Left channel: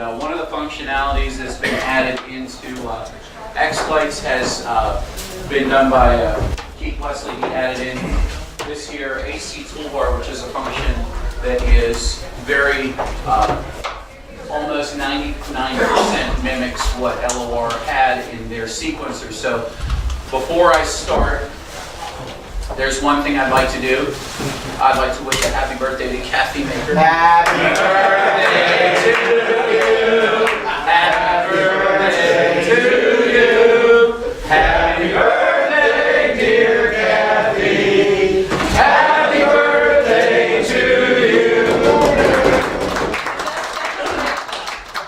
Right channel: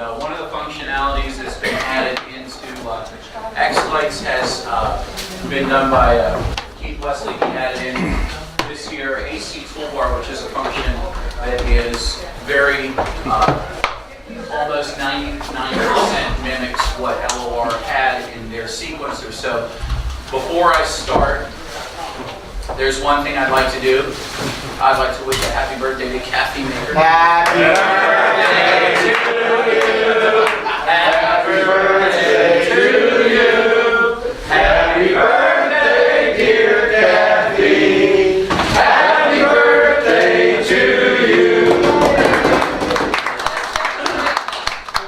one of the functionalities that's been added into xLights has been done by Keith Wesley. He added in this here AC toolbar, which is a function that is very almost 99% mimics what LOR had in their sequencer. So before I start, there's one thing I'd like to do. I'd like to wish a happy birthday to Kathy Maker. Happy birthday to you. Happy birthday to you. Happy birthday, dear Kathy. Happy birthday to you.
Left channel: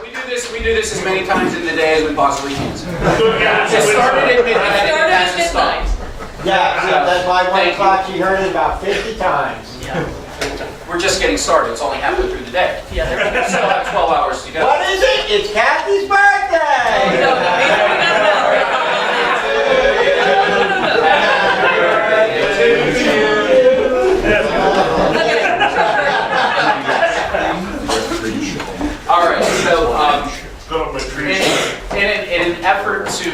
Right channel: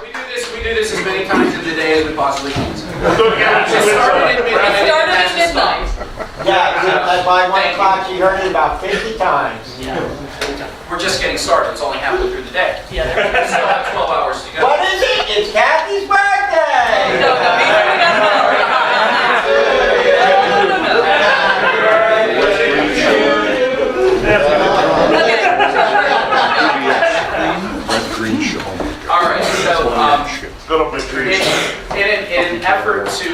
We do this as many times in the day as we possibly can. It started at midnight and it has to stop. Yeah, that's why 1 o'clock she heard it about 50 times. Yeah. We're just getting started. It's only halfway through the day. Yeah, we still have 12 hours to go. What is it? It's Kathy's birthday! All right, so in an effort to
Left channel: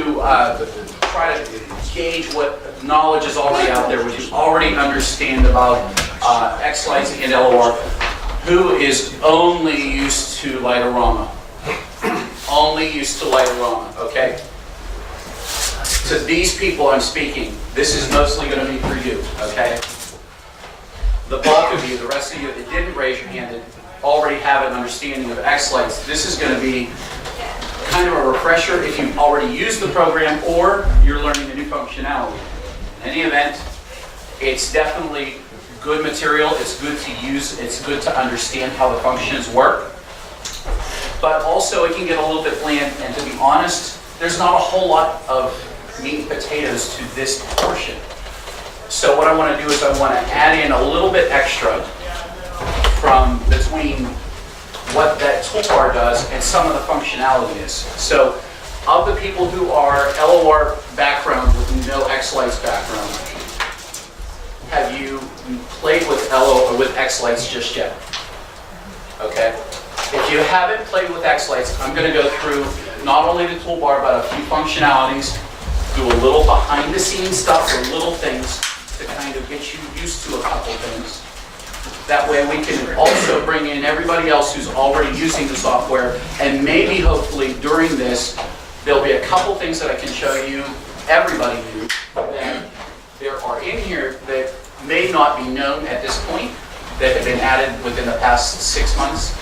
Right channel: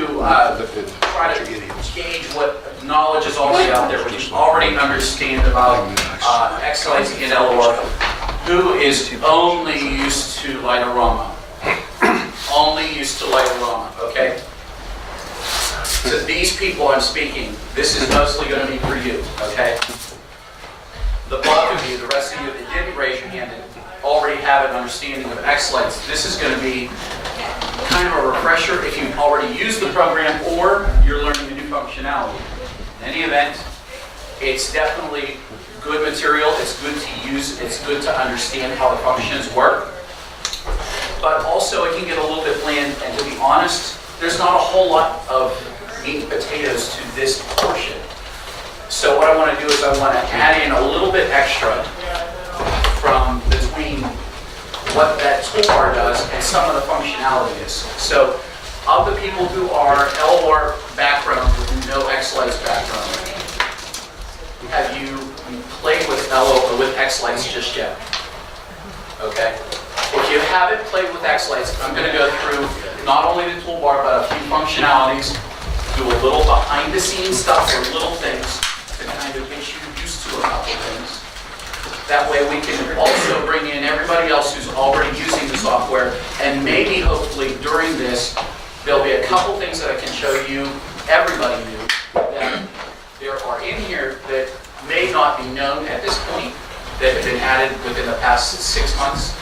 try to gauge what knowledge is already out there, what you already understand about xLights and LOR, who is only used to Lightorama. Only used to Lightorama, okay? To these people I'm speaking, this is mostly going to be for you, okay? The bulk of you, the rest of you that didn't raise your hand, that already have an understanding of xLights, this is going to be kind of a refresher if you've already used the program or you're learning a new functionality. In any event, it's definitely good material. It's good to use. It's good to understand how the functions work. But also it can get a little bit bland, and to be honest, there's not a whole lot of meat and potatoes to this portion. So what I want to do is I want to add in a little bit extra from between what that toolbar does and some of the functionality is. So of the people who are LOR background with no xLights background, have you played with xLights just yet? Okay. If you haven't played with xLights, I'm going to go through not only the toolbar but a few functionalities, do a little behind the scenes stuff or little things to kind of get you used to a couple things. That way we can also bring in everybody else who's already using the software, and maybe hopefully during this there'll be a couple things that I can show you, everybody new, that there are in here that may not be known at this point, that have been added within the past 6 months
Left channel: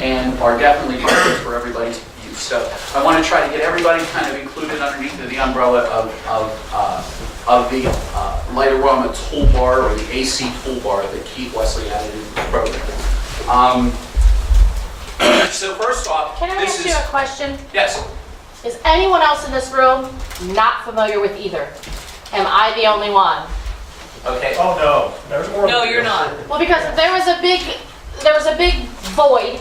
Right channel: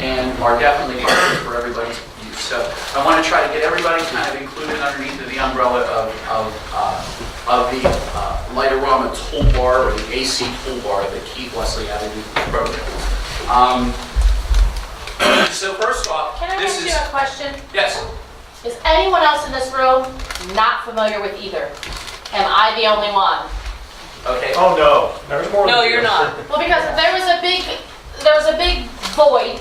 and are definitely good for everybody's use. So I want to try to get everybody kind of included underneath the umbrella of the Lightorama toolbar or the AC toolbar that Keith Wesley added into the program. So first off, can I ask you a question? Yes. Is anyone else in this room not familiar with either? Am I the only one? Okay. Oh no, there's more. No, you're not. Well, because there was a big void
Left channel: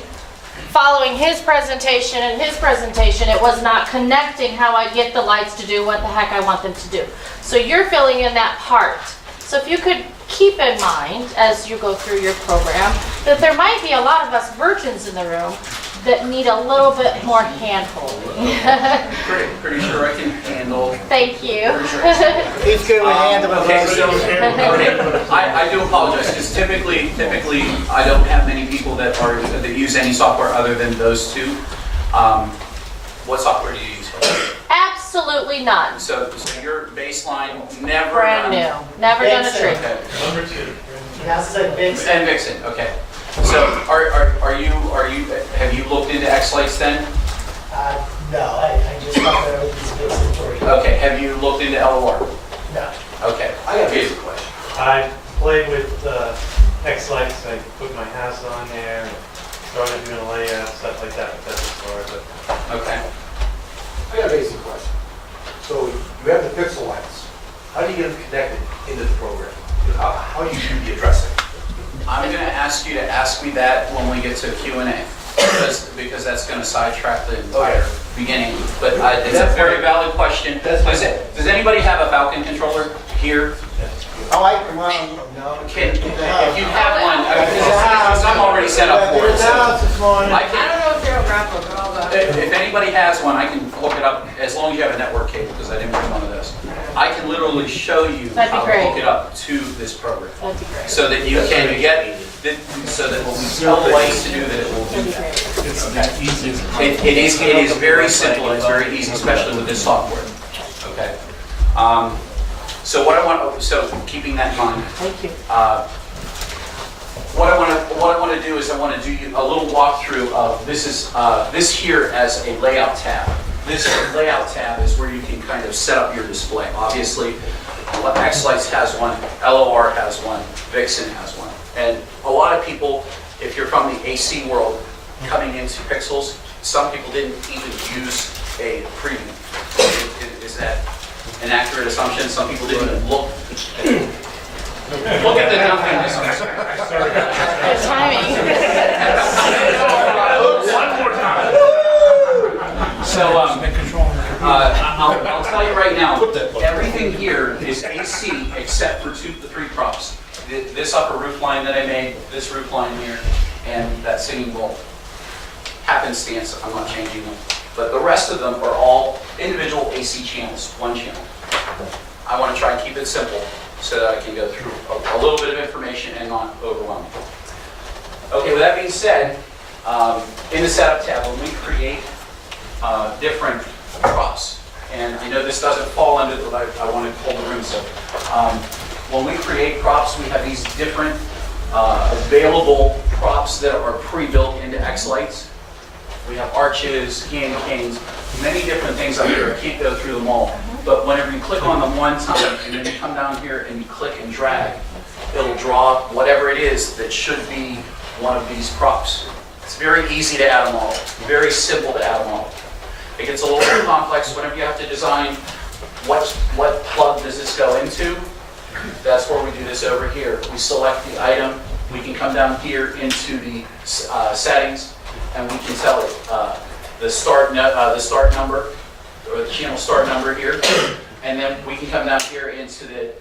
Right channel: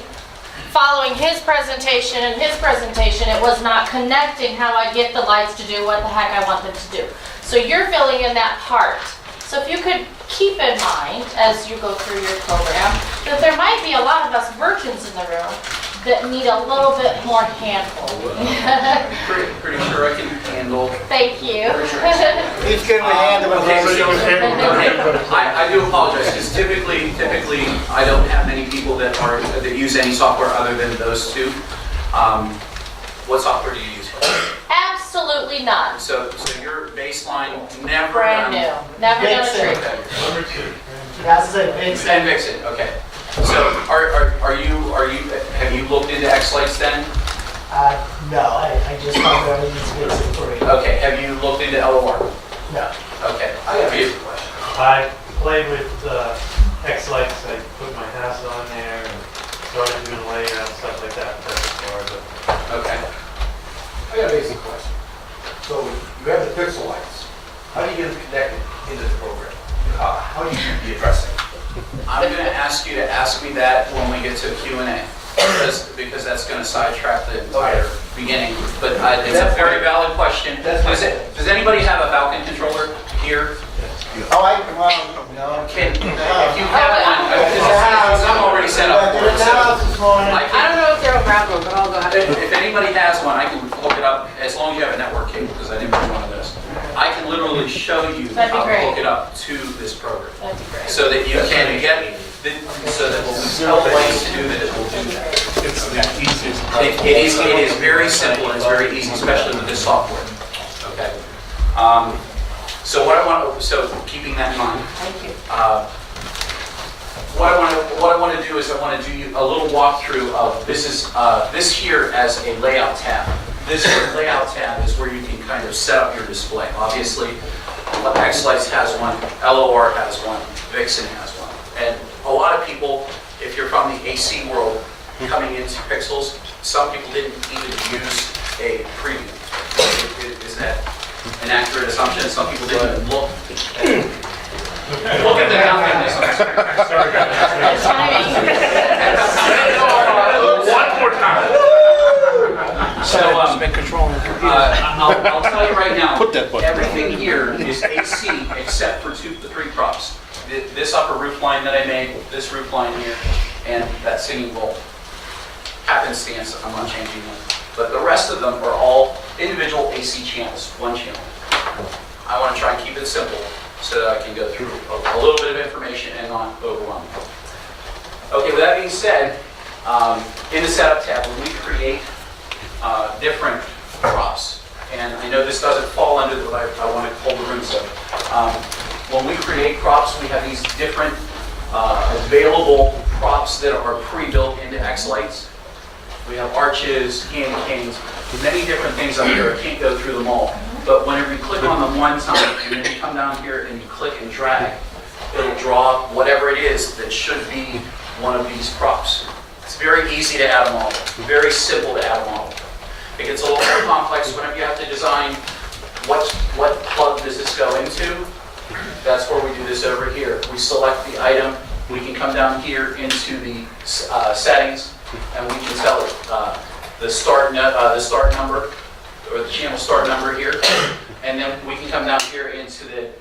following his presentation and his presentation. It was not connecting how I get the lights to do what the heck I want them to do. So you're filling in that part. So if you could keep in mind as you go through your program that there might be a lot of us virgins in the room that need a little bit more hand-holding. pretty sure I can handle. Thank you. He's good with handling. Okay. I do apologize because typically I don't have many people that use any software other than those two. What software do you use? Absolutely none. So your baseline never Brand new. Never done a trick. Okay. Number 2. That's a Vixen. And Vixen. Okay. So have you looked into xLights then? No, I just found out these Vixen for you. Okay. Have you looked into LOR? No. Okay. I got a basic question. I played with xLights. I put my house on there and started doing layout, stuff like that. That's as far as it. Okay. I got a basic question. So you have the pixel lights. How do you get them connected into the program? How do you do the addressing? I'm going to ask you to ask me that when we get to Q&A, because that's going to sidetrack the entire beginning. But it's a very valid question. Does anybody have a Falcon controller here? Oh, no. If you have one, because I'm already set up for it. So I I I don't know if they're have one, but I'll go ahead. If anybody has one, I can look it up, as long as you have a network cable, because I didn't bring one of those. I can literally show you That'd be how to great. hook it up to this program. That'd be great. So that you can get, so that when we tell Lights to do that, it will do that. It is very simple and it's very easy, especially with this software. Okay. So what I want, so keeping that in mind, Thank you. what I want to do is I want to do you a little walkthrough of this here as a layout tab. This layout tab is where you can kind of set up your display. Obviously, xLights has one, LOR has one, Vixen has one. And a lot of people, if you're from the AC world, coming into Pixels, some people didn't even use a preview. Is that an accurate assumption? Some people didn't even look at the download. Good timing. One more time. So, I'll tell you right now, everything here is AC except for 2 to 3 props. This upper roof line that I made, this roof line here, and that singing bowl. Happenstance, I'm not changing them. But the rest of them are all individual AC channels, one channel. I want to try and keep it simple so that I can go through a little bit of information and not overwhelm you. Okay, with that being said, in the setup tab, when we create different props, and I know this doesn't fall under the, I want to hold the room so. When we create props, we have these different available props that are pre-built into xLights. We have arches, candy canes, many different things up here. I can't go through them all. But whenever you click on them one time, and then you come down here and you click and drag, it'll draw whatever it is that should be one of these props. It's very easy to add them all. Very simple to add them all. It gets a little more complex whenever you have to design what plug does this go into. That's where we do this over here. We select the item. We can come down here into the settings, and we can tell it the start number, or the channel start number here. And then we can come down here into the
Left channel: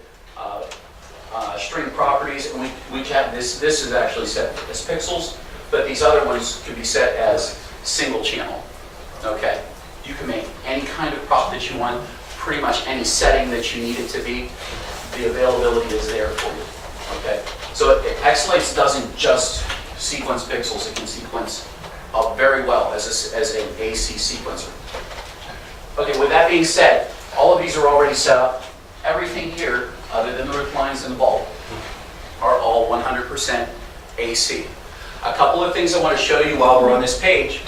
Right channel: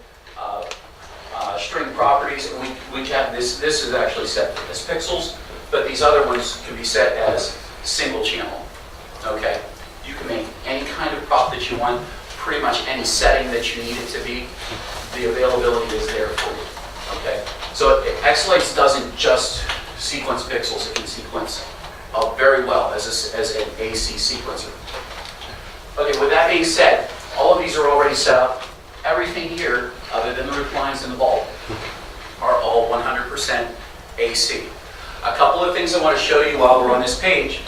string properties, and we have this is actually set as pixels, but these other ones can be set as single channel. Okay? You can make any kind of prop that you want, pretty much any setting that you need it to be. The availability is there for you. Okay? So xLights doesn't just sequence pixels, it can sequence very well as an AC sequencer. Okay, with that being said, all of these are already set up. Everything here, other than the roof lines and the bulb, are all 100% AC. A couple of things I want to show you while we're on this page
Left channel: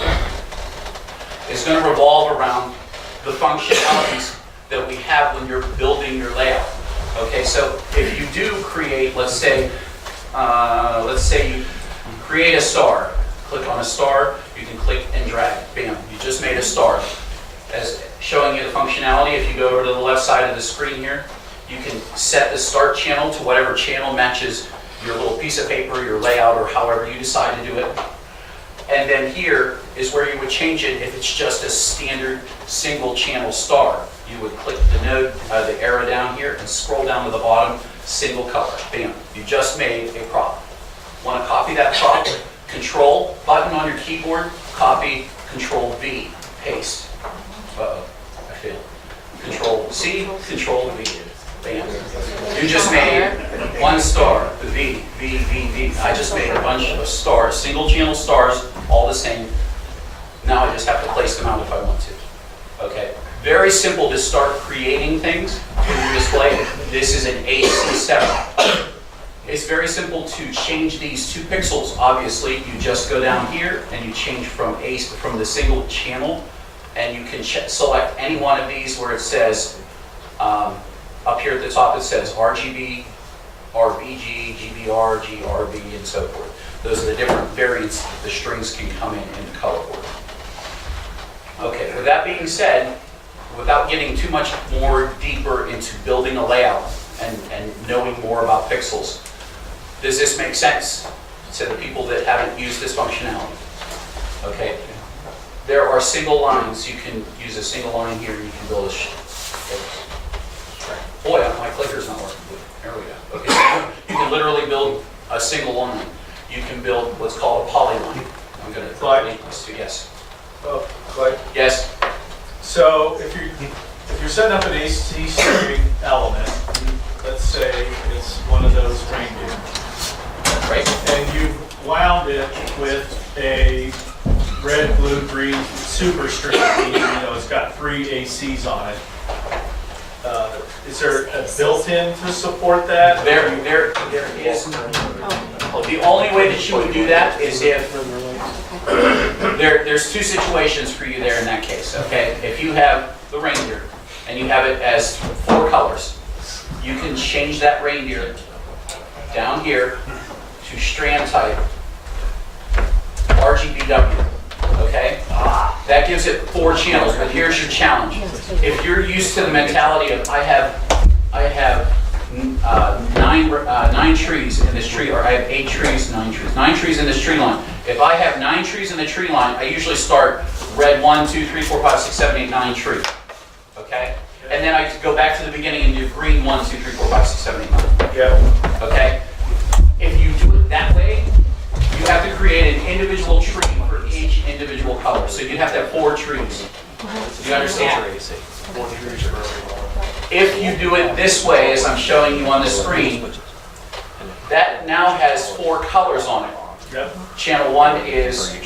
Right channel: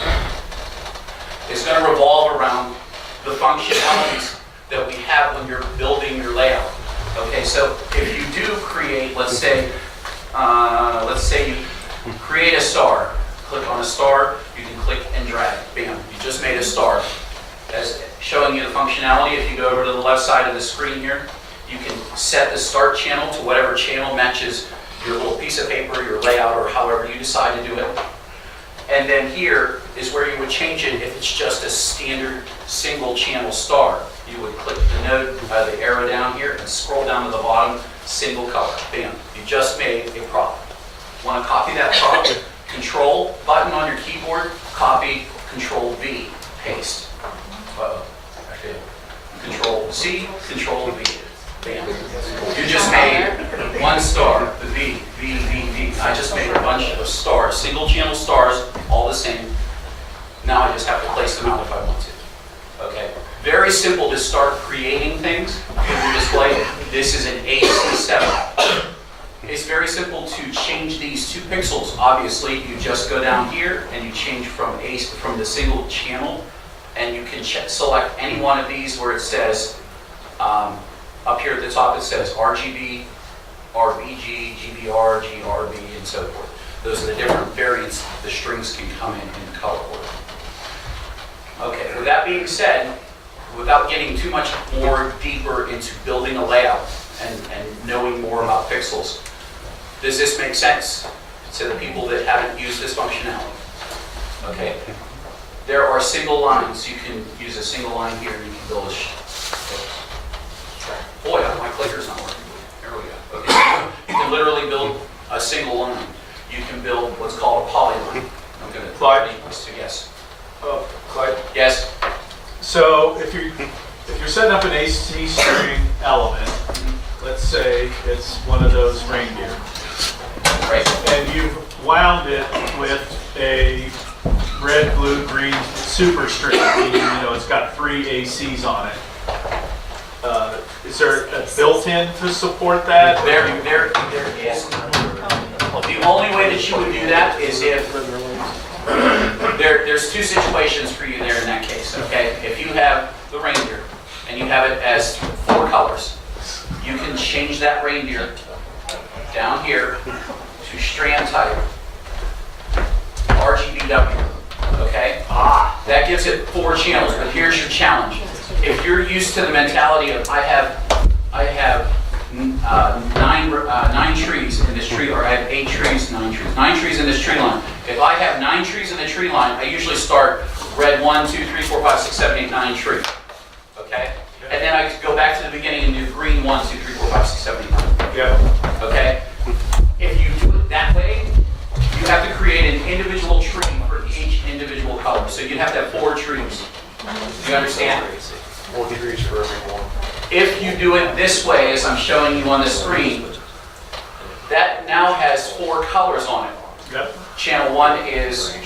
is going to revolve around the functionalities that we have when you're building your layout. Okay, so if you do create, let's say you create a star. Click on a star, you can click and drag. Bam, you just made a star. As showing you the functionality, if you go over to the left side of the screen here, you can set the start channel to whatever channel matches your little piece of paper, your layout, or however you decide to do it. And then here is where you would change it if it's just a standard single channel star. You would click the arrow down here and scroll down to the bottom, single color. Bam, you just made a prop. Want to copy that prop? Control button on your keyboard, copy, Control V, paste. Uh-oh, I failed. Control C, Control V. Bam. You just made one star, the V, V, V, V. I just made a bunch of stars, single channel stars, all the same. Now I just have to place them out if I want to. Okay. Very simple to start creating things in your display. This is an AC setup. It's very simple to change these 2 pixels. Obviously, you just go down here and you change from the single channel, and you can select any one of these where it says, up here at the top it says RGB, RBG, GBR, GRB, and so forth. Those are the different variants the strings can come in the color order. Okay, with that being said, without getting too much more deeper into building a layout and knowing more about pixels, does this make sense to the people that haven't used this functionality? Okay. There are single lines. You can use a single line here. You can build boy, my clicker's not working. There we go. Okay. So you can literally build a single line. You can build what's called a polyline. I'm going to Clyde. Yes. Oh, Clyde. Yes? So if you're setting up an AC string element, let's say it's one of those reindeer, Right? and you've wound it with a red, blue, green super string, meaning, it's got 3 ACs on it. Is there a built-in to support that? There is. The only way that you would do that is if, there's 2 situations for you there in that case, okay? If you have the reindeer and you have it as 4 colors, you can change that reindeer down here to strand type RGBW, okay? That gives it 4 channels, but here's your challenge. If you're used to the mentality of I have 9 trees in this tree, or I have 8 trees, 9 trees. 9 trees in this tree line. If I have 9 trees in the tree line, I usually start red 1, 2, 3, 4, 5, 6, 7, 8, 9 tree. Okay? And then I go back to the beginning and do green 1, 2, 3, 4, 5, 6, 7, 8, 9. Yeah. Okay? If you do it that way, you have to create an individual tree for each individual color. So you'd have to have 4 trees. You understand? If you do it this way, as I'm showing you on the screen, that now has 4 colors on it. Yep. Channel 1 is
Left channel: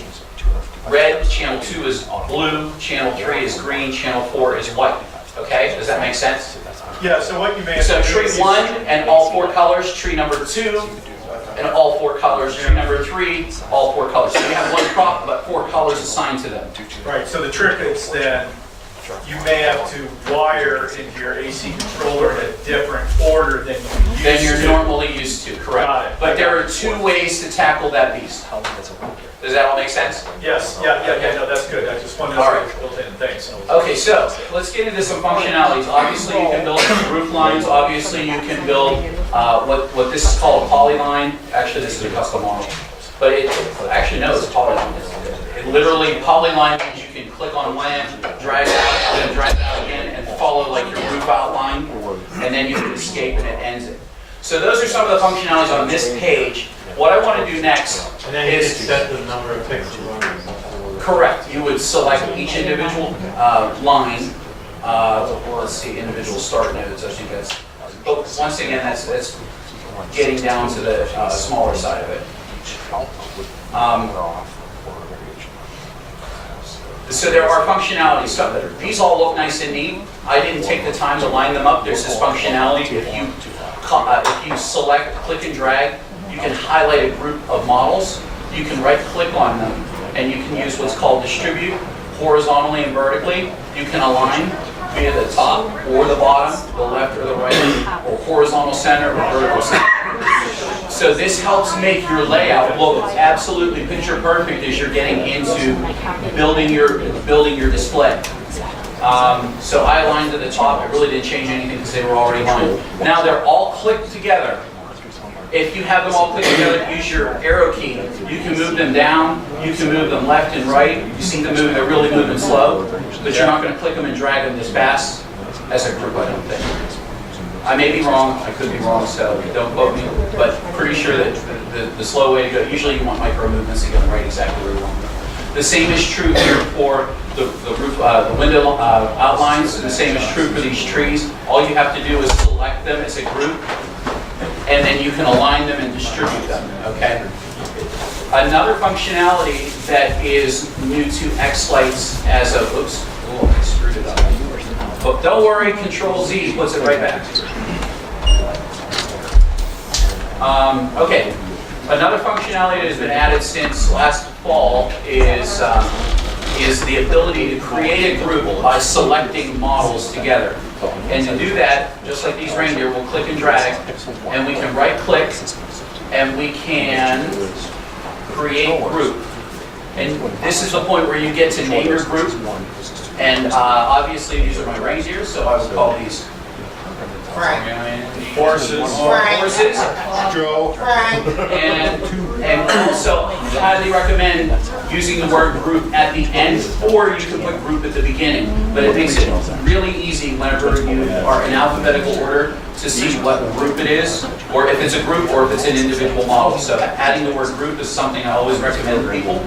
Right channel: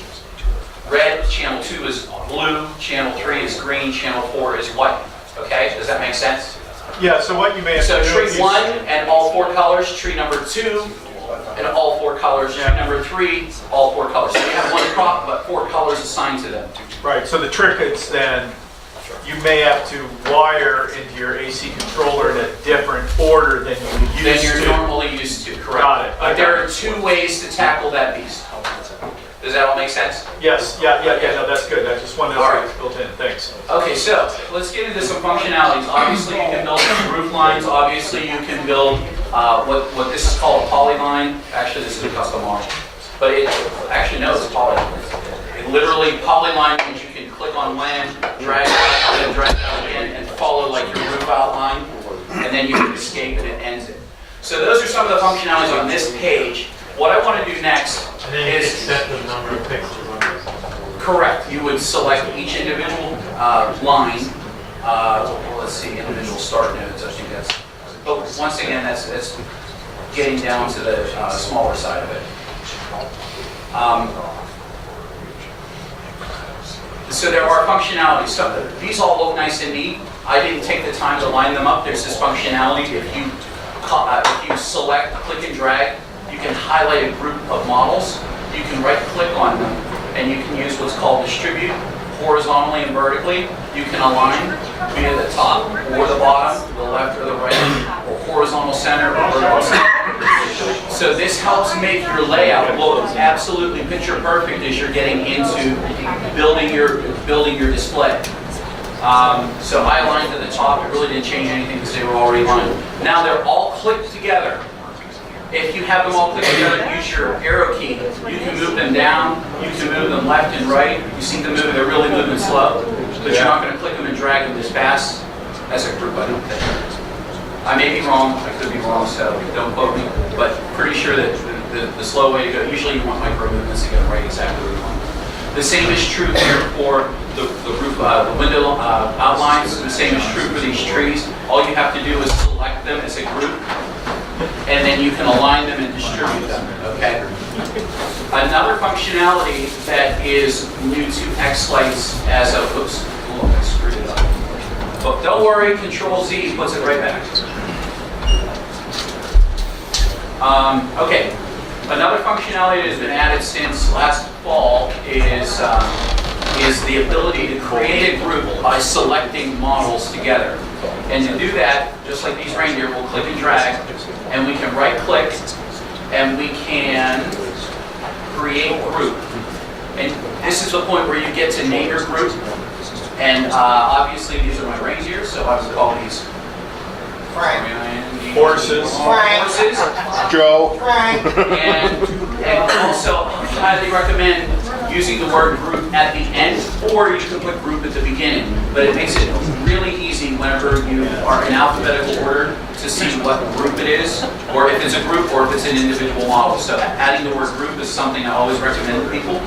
red, channel 2 is blue, channel 3 is green, channel 4 is white. Okay, does that make sense? Yeah, so what you may have So to do tree is 1 and all 4 colors, tree number 2 and all 4 colors, tree number 3, all 4 colors. So you have 1 crop, but 4 colors assigned to them. Right, so the trick is then, you may have to wire into your AC controller in a different order than you would use Than you're to. normally used to, Got correct. it. But there are 2 ways to tackle that beast. Does that all make sense? Yes, yeah, no, that's good. I just wanted to All know right. it's built in, thanks. Okay, so let's get into some functionalities. Obviously, you can build some roof lines. Obviously, you can build what this is called a polyline. Actually, this is a custom model. But actually, no, it's polyline. It literally, polyline means you can click on land, drag it out, then drag it out again, and follow like your roof outline, and then you can escape and it ends it. So those are some of the functionalities on this page. What I want to do next And then you could is set the number of pixels on it. correct. You would select each individual line. Let's see, individual start nodes. I think that's. But once again, that's getting down to the smaller side of it. So there are functionalities. So these all look nice and neat. I didn't take the time to line them up. There's this functionality. If you select, click and drag, you can highlight a group of models. You can right-click on them, and you can use what's called distribute, horizontally and vertically. You can align via the top or the bottom, the left or the right, or horizontal center or vertical center. So this helps make your layout look absolutely picture perfect as you're getting into building your display. So I aligned to the top. It really didn't change anything because they were already aligned. Now they're all clicked together. If you have them all clicked together, use your arrow key. You can move them down. You can move them left and right. You see them moving. They're really moving slow, but you're not going to click them and drag them as fast as a group, I don't think. I may be wrong. I could be wrong, so don't quote me. But pretty sure that the slow way to go. Usually, you want micro movements to go right exactly where you want them. The same is true here for the roof, the window outlines. The same is true for these trees. All you have to do is select them as a group, and then you can align them and distribute them, okay? Another functionality that is new to xLights as of, oops, oh, I screwed it up. But don't worry, Control-Z puts it right back. Okay, another functionality that has been added since last fall is the ability to create a group by selecting models together. And to do that, just like these reindeer, we'll click and drag, and we can right-click, and we can create group. And this is the point where you get to name your group. And obviously, these are my reindeer, so I would call these Horses. Horses. Joe. And also highly recommend using the word group at the end, or you can put group at the beginning. But it makes it really easy whenever you are in alphabetical order to see what group it is, or if it's a group or if it's an individual model. So adding the word group is something I always recommend to people.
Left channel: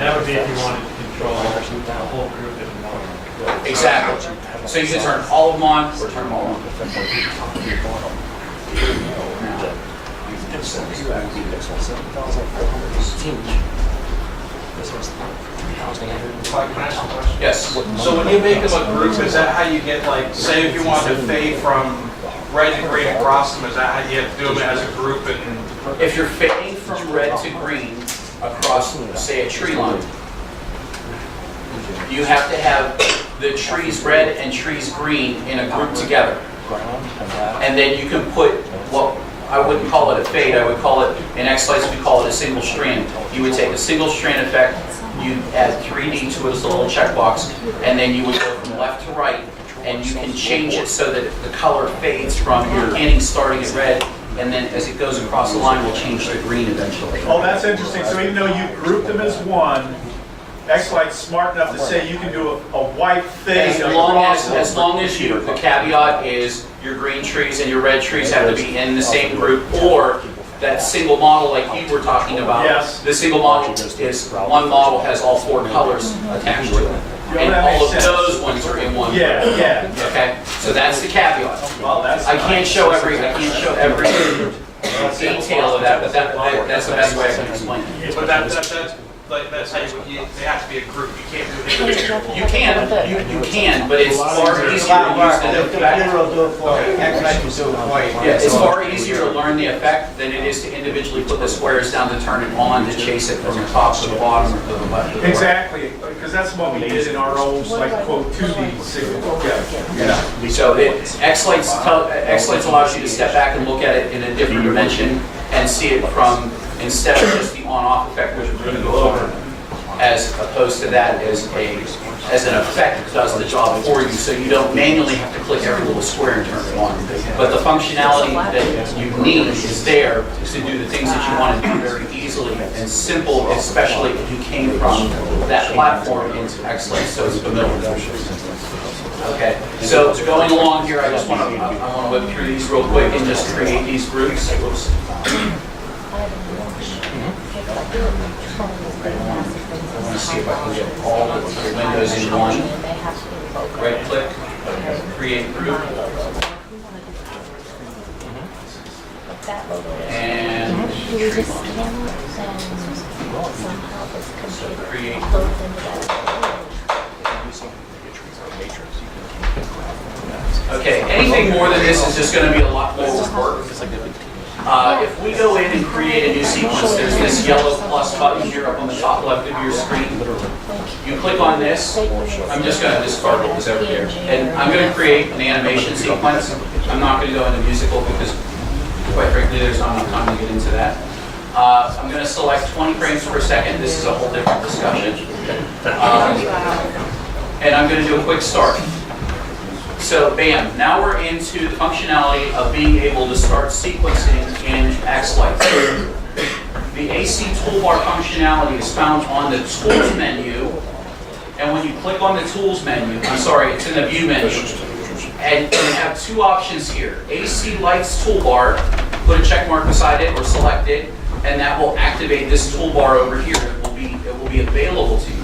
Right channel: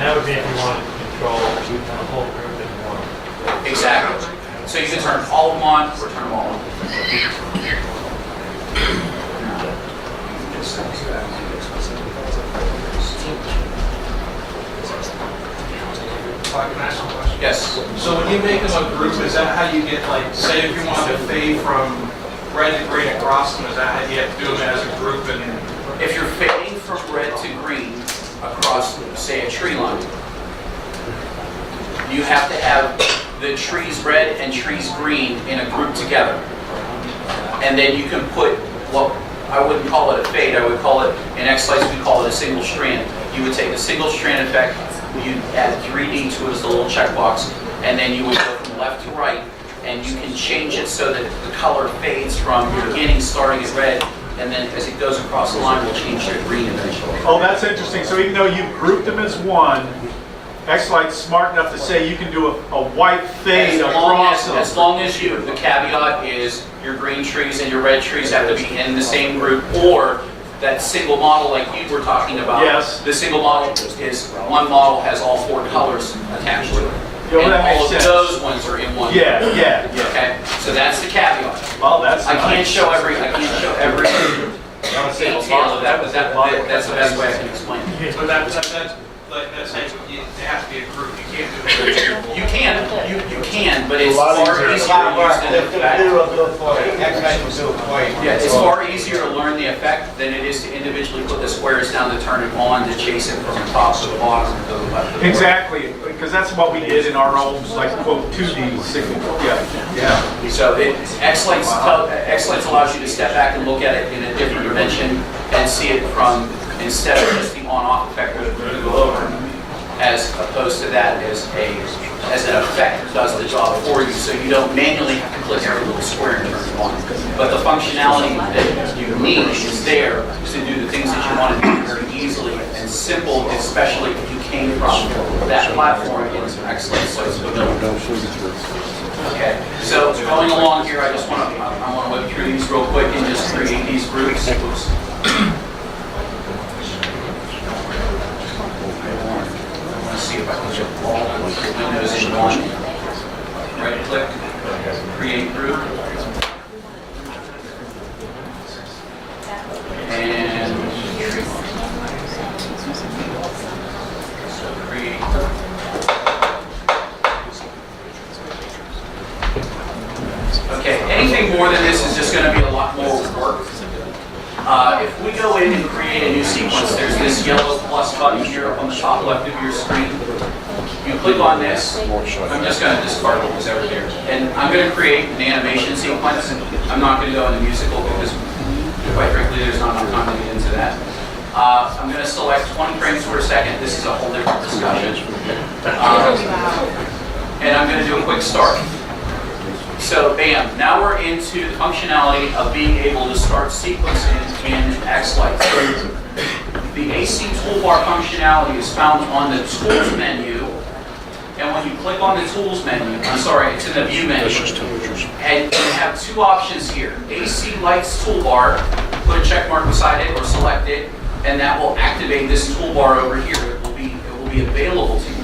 And that would be if you wanted to control the whole group at once. Exactly. So you can turn all of them on or turn them all on. Clyde, can I ask you a question? Yes. So when you make them a group, is that how you get, like, say if you wanted to fade from red to green across them, is that how you have to do them as a group? And If you're fading from red to green across, say, a tree line, you have to have the trees red and trees green in a group together. And then you can put what, I wouldn't call it a fade, I would call it, in xLights we call it a single strand. You would take the single strand effect, you'd add 3D to it as a little checkbox, and then you would go from left to right, and you can change it so that the color fades from your beginning starting at red, and then as it goes across the line, will change to green eventually. oh, that's interesting. So even though you grouped them as one, xLight's smart enough to say you can do a white fade across them. As long as you, the caveat is your green trees and your red trees have to be in the same group, or that single model like you were talking about. Yes. The single model is, one model has all 4 colors attached to it. Well, And that all of makes sense. those ones are in one. Yeah, yeah, yeah. Okay, so that's the caveat. Well, that's I can't nice. show every detail of that, but that's the best way I can explain it. But that's like that's how they have to be a group. You can't do it individually. You can, but it's far easier to use than The computer will do it for you. xLights will do it for you. Yeah, it's far easier to learn the effect than it is to individually put the squares down to turn it on, to chase it from the top to the bottom or to the left. or the right. Exactly, because that's what we did in our own, like, quote, 2D signal. Yeah. So xLights allows you to step back and look at it in a different dimension and see it from, instead of just the on-off effect which we're going to go over, as opposed to that as an effect that does the job for you, so you don't manually have to click every little square and turn it on. But the functionality that you need is there to do the things that you want to do very easily and simple, especially if you came from that platform into xLights, so it's familiar. Okay, so going along here, I want to whip through these real quick and just create these groups. Oops. I want to see if I can get all the windows in one. Right click, create group. And create group. Okay, anything more than this is just going to be a lot more work. If we go in and create a new sequence, there's this yellow plus button here up on the top left of your screen. You click on this. I'm just going to discard what was over here. And I'm going to create an animation sequence. I'm not going to go into musical because, quite frankly, there's not enough time to get into that. I'm going to select 20 frames per second. This is a whole different discussion. And I'm going to do a quick start. So bam, now we're into the functionality of being able to start sequencing in xLights. The AC toolbar functionality is found on the tools menu, and when you click on the tools menu, it's in the view menu, and you have 2 options here. AC Lights toolbar, put a check mark beside it or select it, and that will activate this toolbar over here. It will be available to you.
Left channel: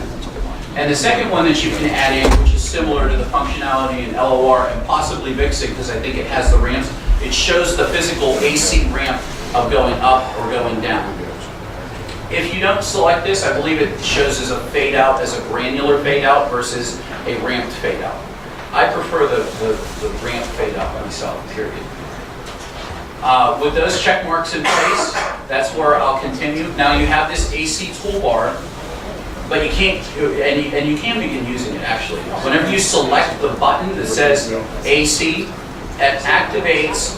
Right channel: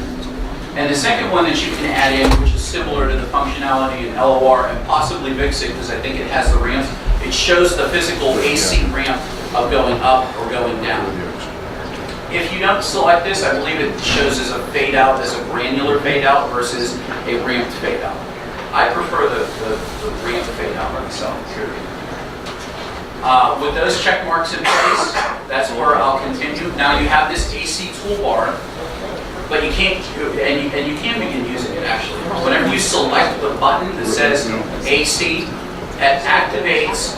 And the second one that you can add in, which is similar to the functionality in LOR and possibly VIXIC, because I think it has the ramps, it shows the physical AC ramp of going up or going down. If you don't select this, I believe it shows as a fade out, as a granular fade out versus a ramped fade out. I prefer the ramped fade out myself, period. With those check marks in place, that's where I'll continue. Now you have this AC toolbar. But you can't, and you can begin using it actually. Whenever you select the button that says AC, it activates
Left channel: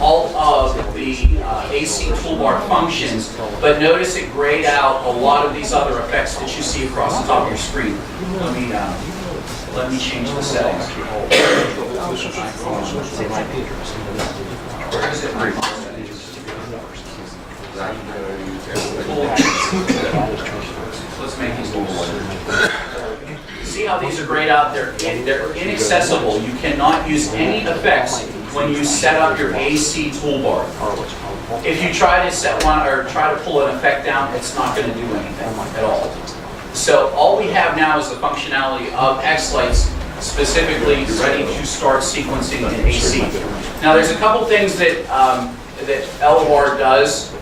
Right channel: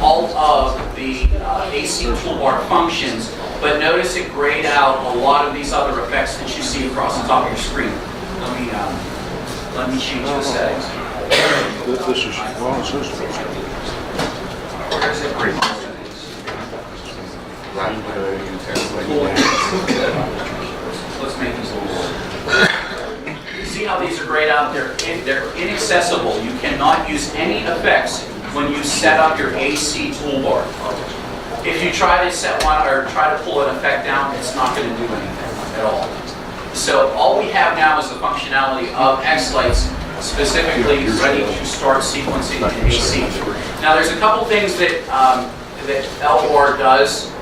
all of the AC toolbar functions, but notice it grayed out a lot of these other effects that you see across the top of your screen. Let me change the settings. Where is it? Let's make these little. See how these are grayed out? They're inaccessible. You cannot use any effects when you set up your AC toolbar. If you try to set one or try to pull an effect down, it's not going to do anything at all. So all we have now is the functionality of xLights specifically ready to start sequencing in AC. Now there's a couple things that, that LOR does,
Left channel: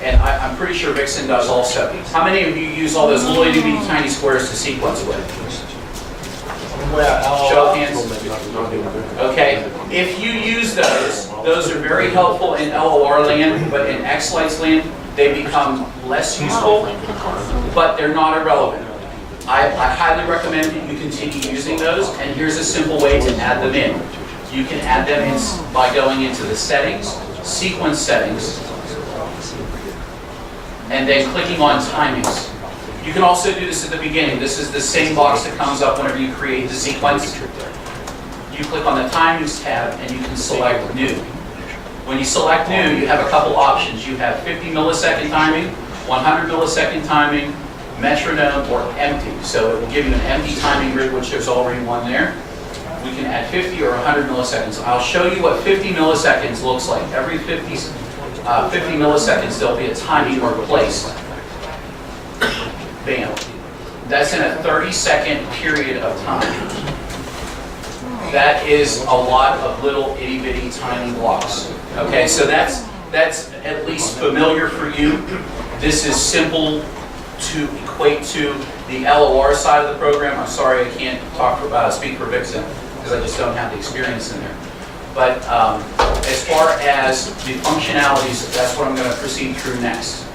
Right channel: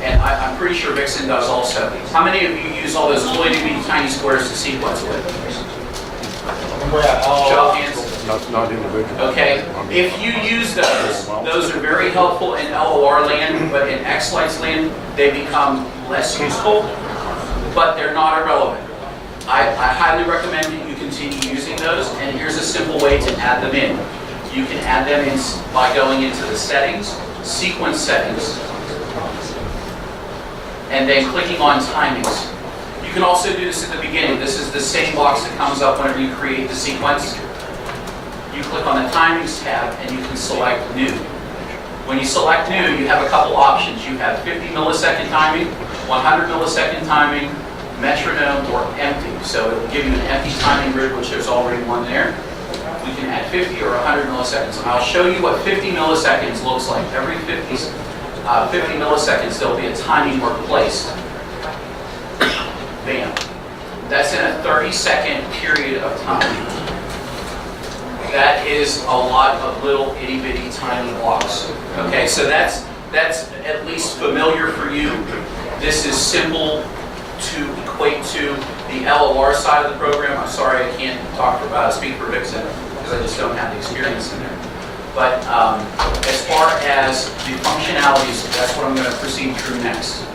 and I'm pretty sure Vixen does also. How many of you use all those little itty bitty tiny squares to sequence with? Show of hands. Okay, if you use those are very helpful in LOR land, but in xLights land, they become less useful, but they're not irrelevant. I highly recommend that you continue using those, and here's a simple way to add them in. You can add them in by going into the settings, sequence settings, and then clicking on timings. You can also do this at the beginning. This is the same box that comes up whenever you create the sequence. You click on the timings tab and you can select new. When you select new, you have a couple options. You have 50 millisecond timing, 100 millisecond timing, metronome, or empty. So it will give you an empty timing grid, which there's already one there. We can add 50 or 100 milliseconds. And I'll show you what 50 milliseconds looks like. Every 50 milliseconds, there'll be a timing mark placed. Bam. That's in a 30-second period of time. That is a lot of little itty-bitty tiny blocks. Okay, so that's at least familiar for you. This is simple to equate to the LOR side of the program. I'm sorry I can't speak for Vixen because I just don't have the experience in there. But as far as the functionalities, that's what I'm going to proceed through next.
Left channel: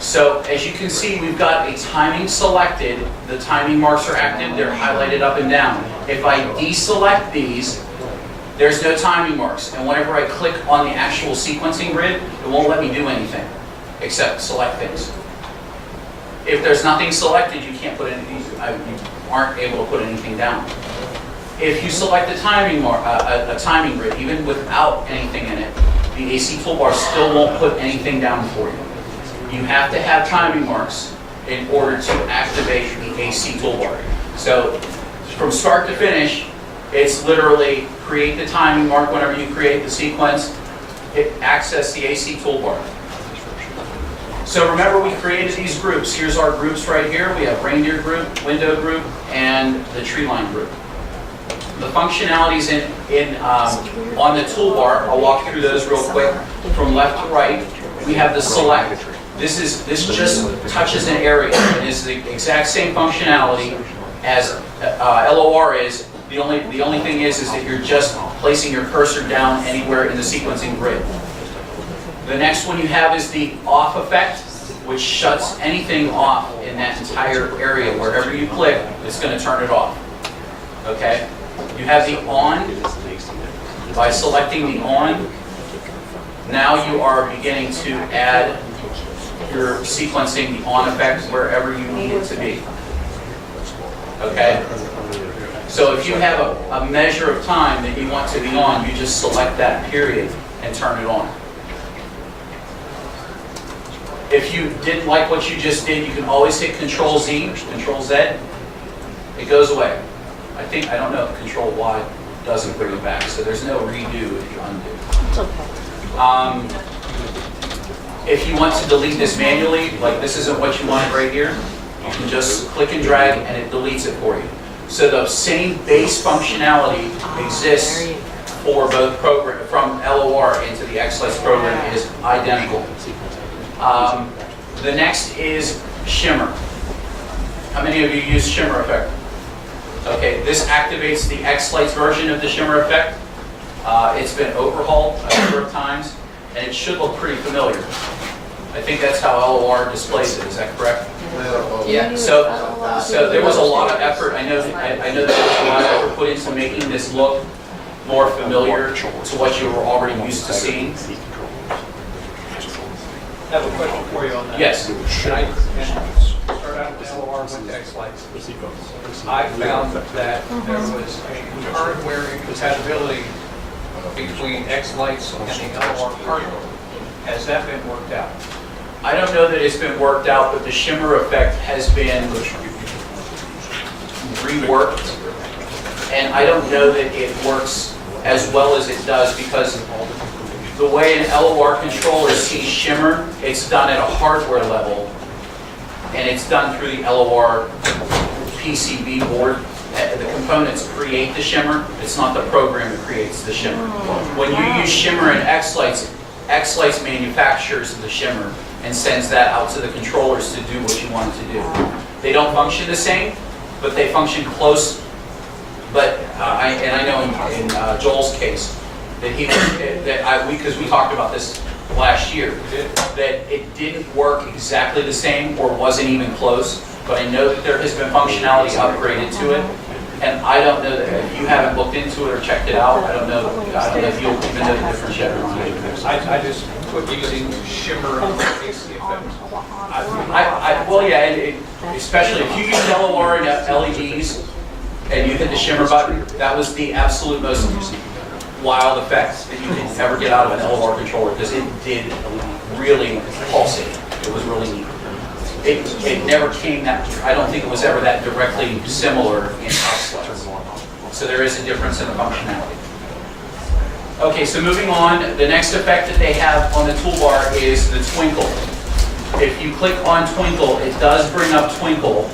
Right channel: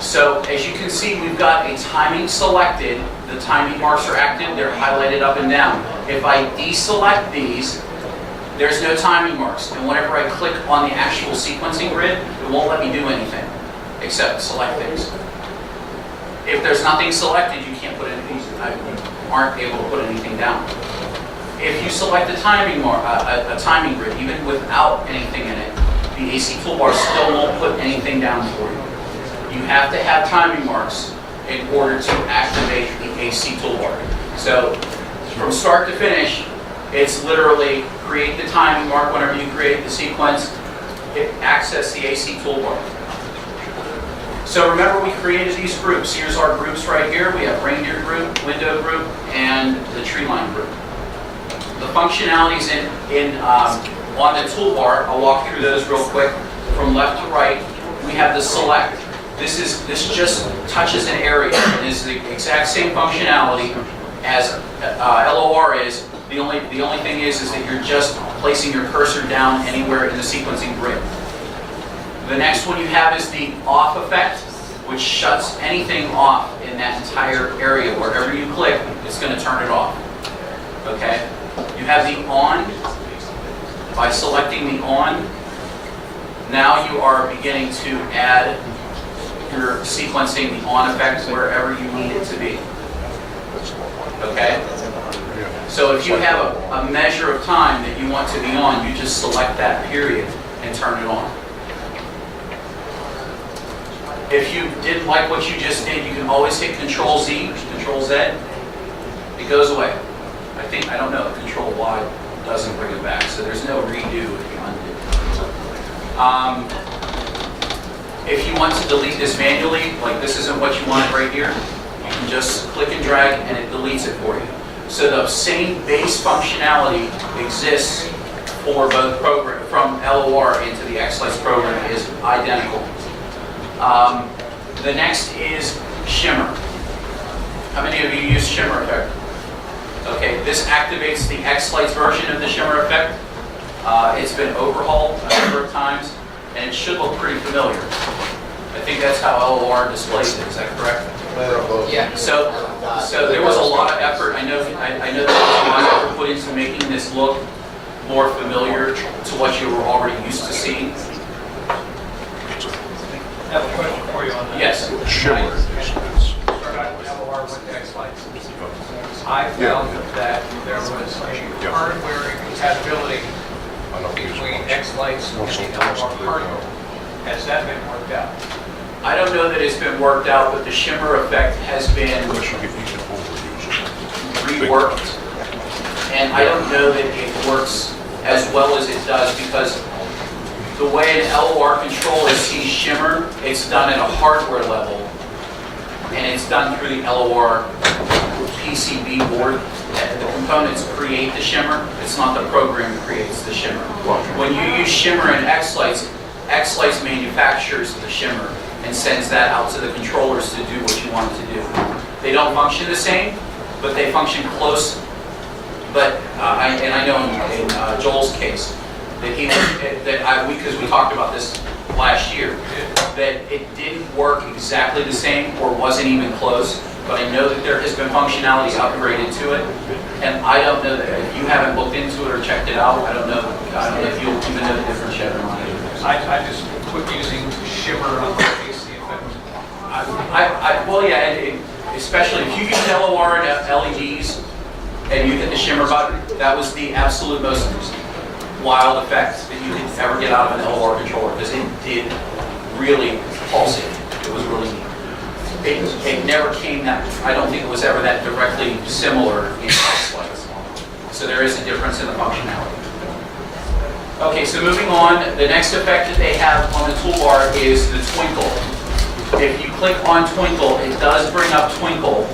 So as you can see, we've got a timing selected. The timing marks are active. They're highlighted up and down. If I deselect these, there's no timing marks. And whenever I click on the actual sequencing grid, it won't let me do anything except select things. If there's nothing selected, you can't put anything, you aren't able to put anything down. If you select a timing timing grid, even without anything in it, the AC toolbar still won't put anything down for you. You have to have timing marks in order to activate the AC toolbar. So from start to finish, it's literally create the timing mark whenever you create the sequence, access the AC toolbar. So remember, we created these groups. Here's our groups right here. We have reindeer group, window group, and the tree line group. The functionalities on the toolbar, I'll walk through those real quick. From left to right, we have the select. This just touches an area. It is the exact same functionality as LOR is. The only thing is that you're just placing your cursor down anywhere in the sequencing grid. The next one you have is the off effect, which shuts anything off in that entire area. Wherever you click, it's going to turn it off. Okay? You have the on. By selecting the on, now you are beginning to add your sequencing, the on effect, wherever you need it to be. Okay? So if you have a measure of time that you want to be on, you just select that period and turn it on. If you didn't like what you just did, you can always hit Control Z, Control Z. It goes away. I don't know, Control Y doesn't bring it back, so there's no redo if you undo. If you want to delete this manually, like this isn't what you wanted right here, you can just click and drag and it deletes it for you. So the same base functionality exists for both programs, from LOR into the xLights program, is identical. The next is shimmer. How many of you use shimmer effect? Okay, this activates the xLights version of the shimmer effect. It's been overhauled a number of times, and it should look pretty familiar. I think that's how LOR displays it. Is that correct? Yeah. So there was a lot of effort. I know that there was a lot of effort put into making this look more familiar to what you were already used to seeing. I have a question for you on that. Yes. Start out with LOR with xLights. I found that there was a hardware incompatibility between xLights and the LOR hardware. Has that been worked out? I don't know that it's been worked out, but the shimmer effect has been reworked, and I don't know that it works as well as it does, because the way an LOR controller sees shimmer, it's done at a hardware level. and it's done through the LOR PCB board. The components create the shimmer. It's not the program that creates the shimmer. When you use shimmer in xLights, xLights manufactures the shimmer and sends that out to the controllers to do what you want it to do. They don't function the same, but they function close. But I know in Joel's case that because we talked about this last year, that it didn't work exactly the same or wasn't even close. But I know that there has been functionality upgraded to it, and I don't know that if you haven't looked into it or checked it out. I don't know if you'll even know the difference yet or not. I just quit using shimmer on the AC effect. Well, yeah, and especially if you use LOR and LEDs and you hit the shimmer button, that was the absolute most wild effect that you could ever get out of an LOR controller, because it did really pulsate. It was really neat. It never came that, I don't think it was ever that directly similar in xLights. So there is a difference in the functionality. Okay, so moving on, the next effect that they have on the toolbar is the twinkle. If you click on twinkle, it does bring up twinkle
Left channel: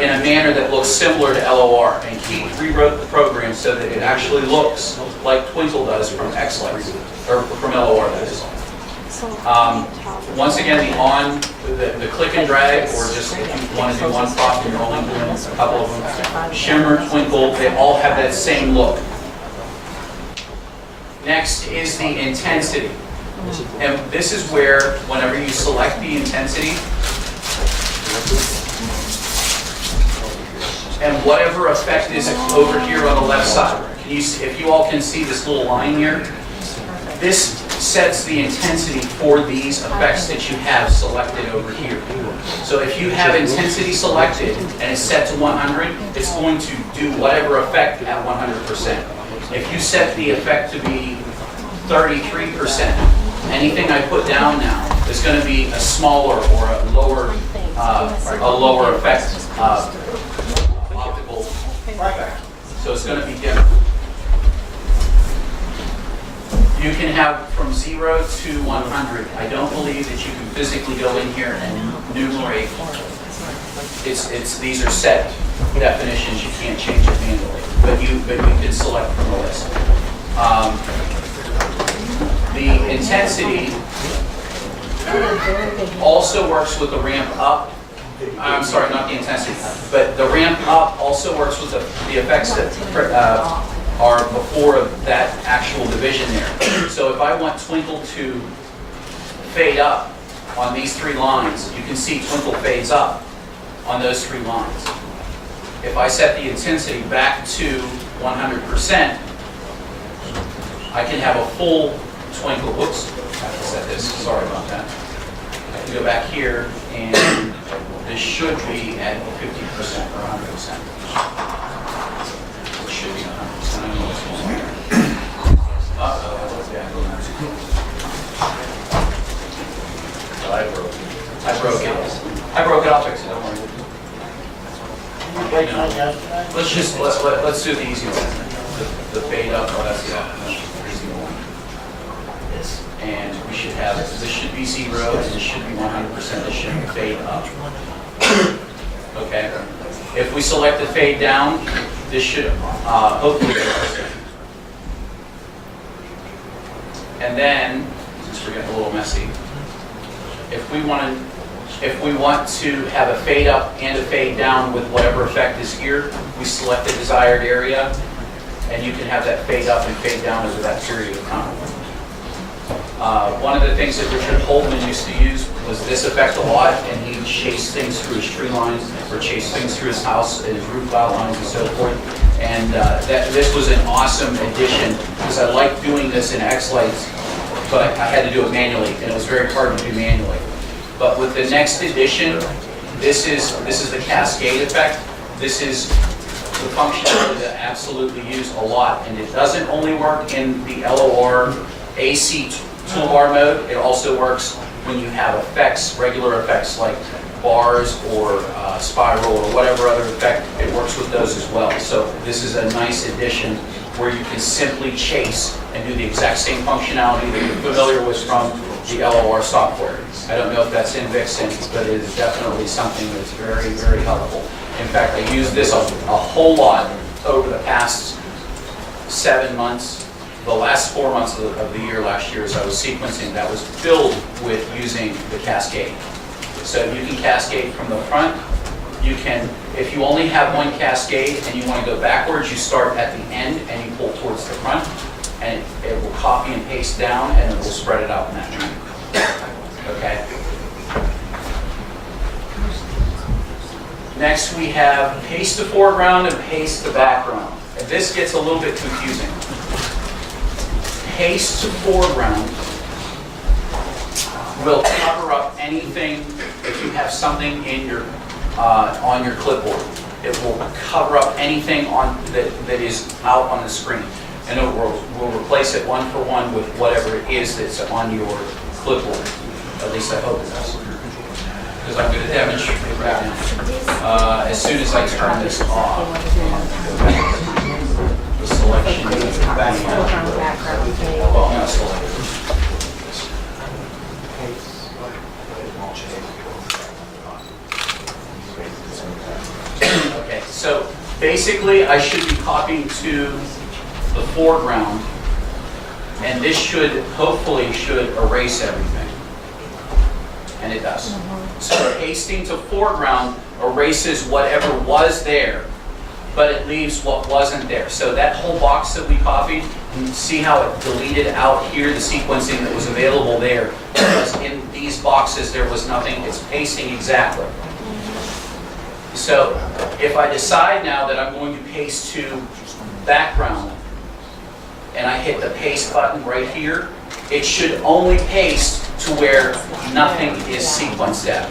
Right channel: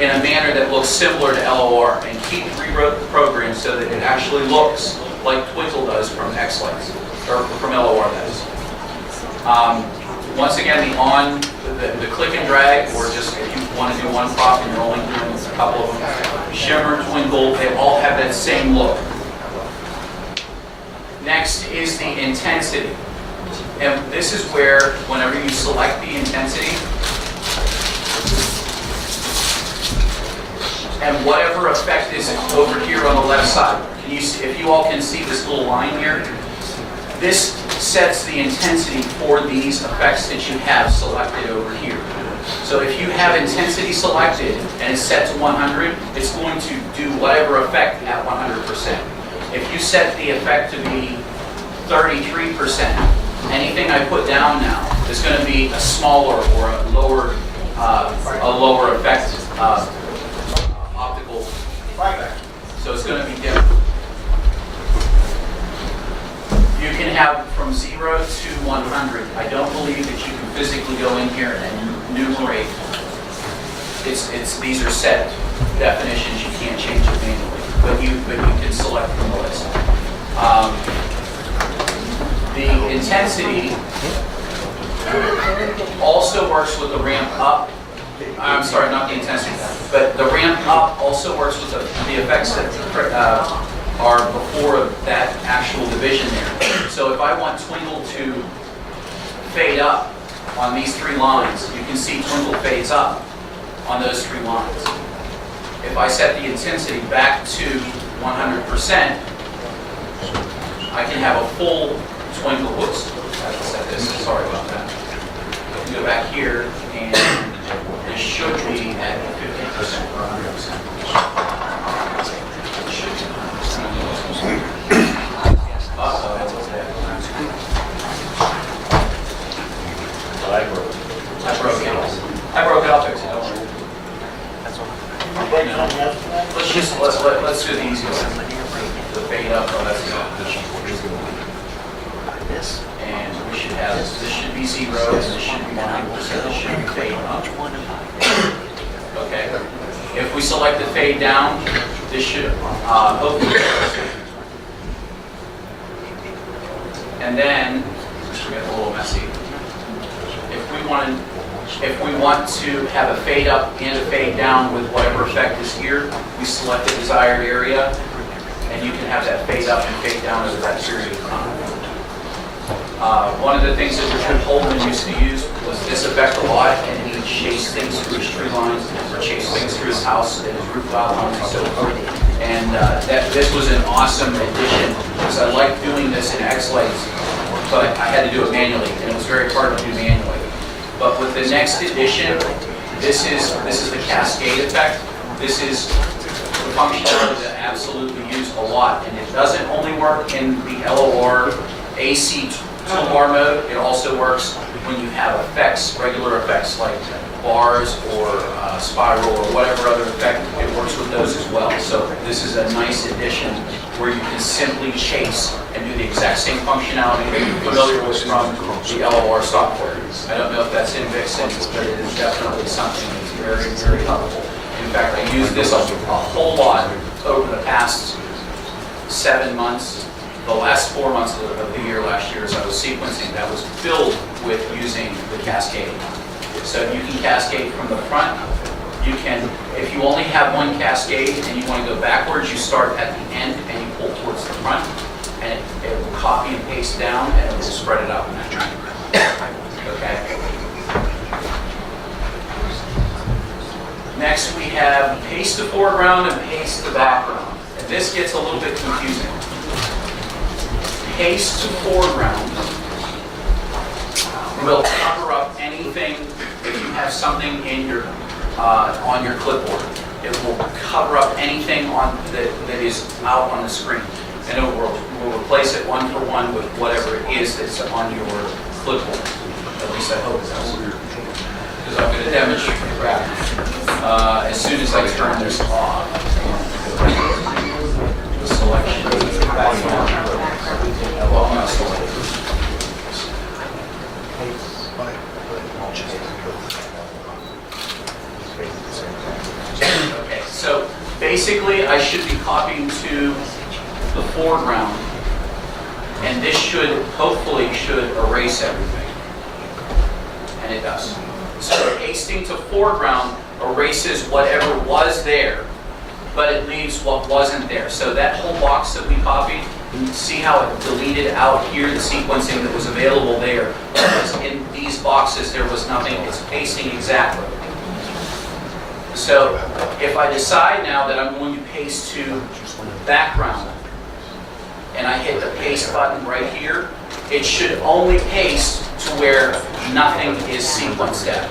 in a manner that looks similar to LOR, and Keith rewrote the program so that it actually looks like twinkle does from xLights, or from LOR, that is. Once again, the click and drag, or just if you want to do one prop and you're only doing a couple of them, shimmer, twinkle, they all have that same look. Next is the intensity. And this is where, whenever you select the intensity, and whatever effect is over here on the left side, if you all can see this little line here, this sets the intensity for these effects that you have selected over here. So if you have intensity selected and it's set to 100, it's going to do whatever effect at 100%. If you set the effect to be 33%, anything I put down now is going to be a smaller or a lower effect optical. So it's going to be different. You can have from 0 to 100. I don't believe that you can physically go in here and enumerate. These are set definitions. You can't change it manually, but you can select from the list. The intensity also works with the ramp up. I'm sorry, not the intensity, but the ramp up also works with the effects that are before that actual division there. So if I want twinkle to fade up on these three lines, you can see twinkle fades up on those three lines. If I set the intensity back to 100%, I can have a full twinkle. Whoops, I have to set this, sorry about that. I can go back here, and this should be at 50% or 100%. It should be 100%. I broke it. I'll fix it. Let's do the easy one. The fade up. Oh, that's this. And we should have this. This should be 0, and this should be 100%. This should fade up. Okay. If we select the fade down, this should hopefully. And then, since we're getting a little messy, if we want to have a fade up and a fade down with whatever effect is here, we select the desired area, and you can have that fade up and fade down over that period of time. One of the things that Richard Holman used to use was this effect a lot, and he chased things through his tree lines, or chased things through his house and his roof tile lines and so forth. And this was an awesome addition, because I like doing this in xLights, but I had to do it manually, and it was very hard to do manually. But with the next edition, this is the cascade effect. This is the functionality that I absolutely use a lot, and it doesn't only work in the LOR AC toolbar mode. It also works when you have effects, regular effects like bars or spiral or whatever other effect. It works with those as well. So this is a nice addition where you can simply chase and do the exact same functionality that you're familiar with from the LOR software. I don't know if that's in Vixen, but it is definitely something that's very, very helpful. In fact, I used this a whole lot over the past 7 months. The last 4 months of the year last year as I was sequencing, that was filled with using the cascade. So you can cascade from the front. You can, if you only have one cascade and you want to go backwards, you start at the end and you pull towards the front, and it will copy and paste down and it will spread it out in that manner. Okay. Next we have paste to foreground and paste to background. And this gets a little bit confusing. Paste to foreground will cover up anything if you have something in your on your clipboard. It will cover up anything that is out on the screen, and it will replace it one for one with whatever it is that's on your clipboard. At least I hope it does, because I'm going to demonstrate right now. As soon as I turn this off, the selection is background. Well, I'm not selected. Okay, so basically I should be copying to the foreground, and this should, hopefully, erase everything. And it does. So pasting to foreground erases whatever was there, but it leaves what wasn't there. So that whole box that we copied, see how it deleted out here the sequencing that was available there, because in these boxes there was nothing. It's pasting exactly. So if I decide now that I'm going to paste to background, and I hit the paste button right here, it should only paste to where nothing is sequenced at.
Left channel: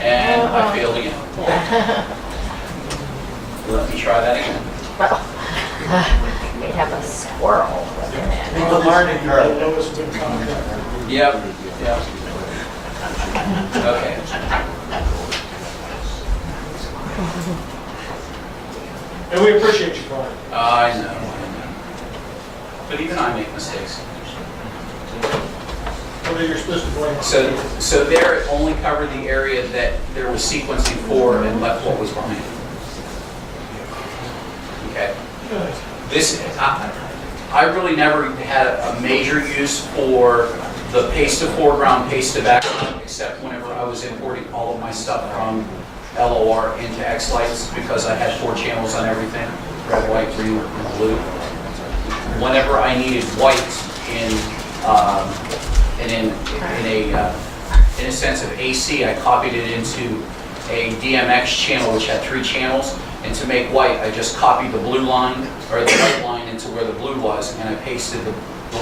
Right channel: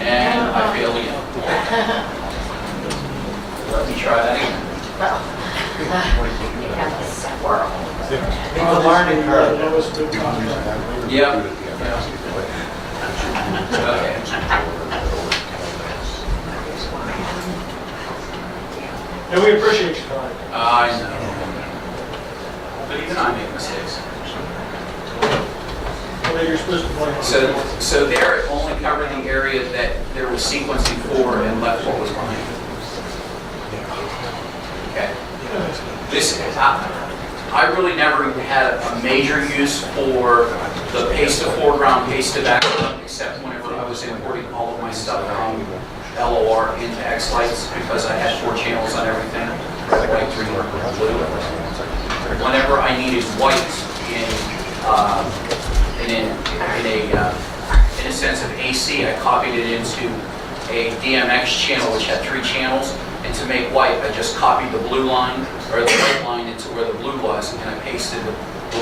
And I failed again. Let me try that again. We have a squirrel. Need the learning curve. Yep. Okay. And we appreciate you, Clyde. I know. But even I make mistakes. Well, you're supposed to blame us. So there it only covered the area that there was sequencing for and left what was behind. Okay. This, I really never had a major use for the paste to foreground, paste to background, except whenever I was importing all of my stuff from LOR into xLights, because I had 4 channels on everything, red, white, green, and blue. Whenever I needed white in a sense of AC, I copied it into a DMX channel which had 3 channels, and to make white, I just copied the blue line, or the white line into where the blue was, and I pasted the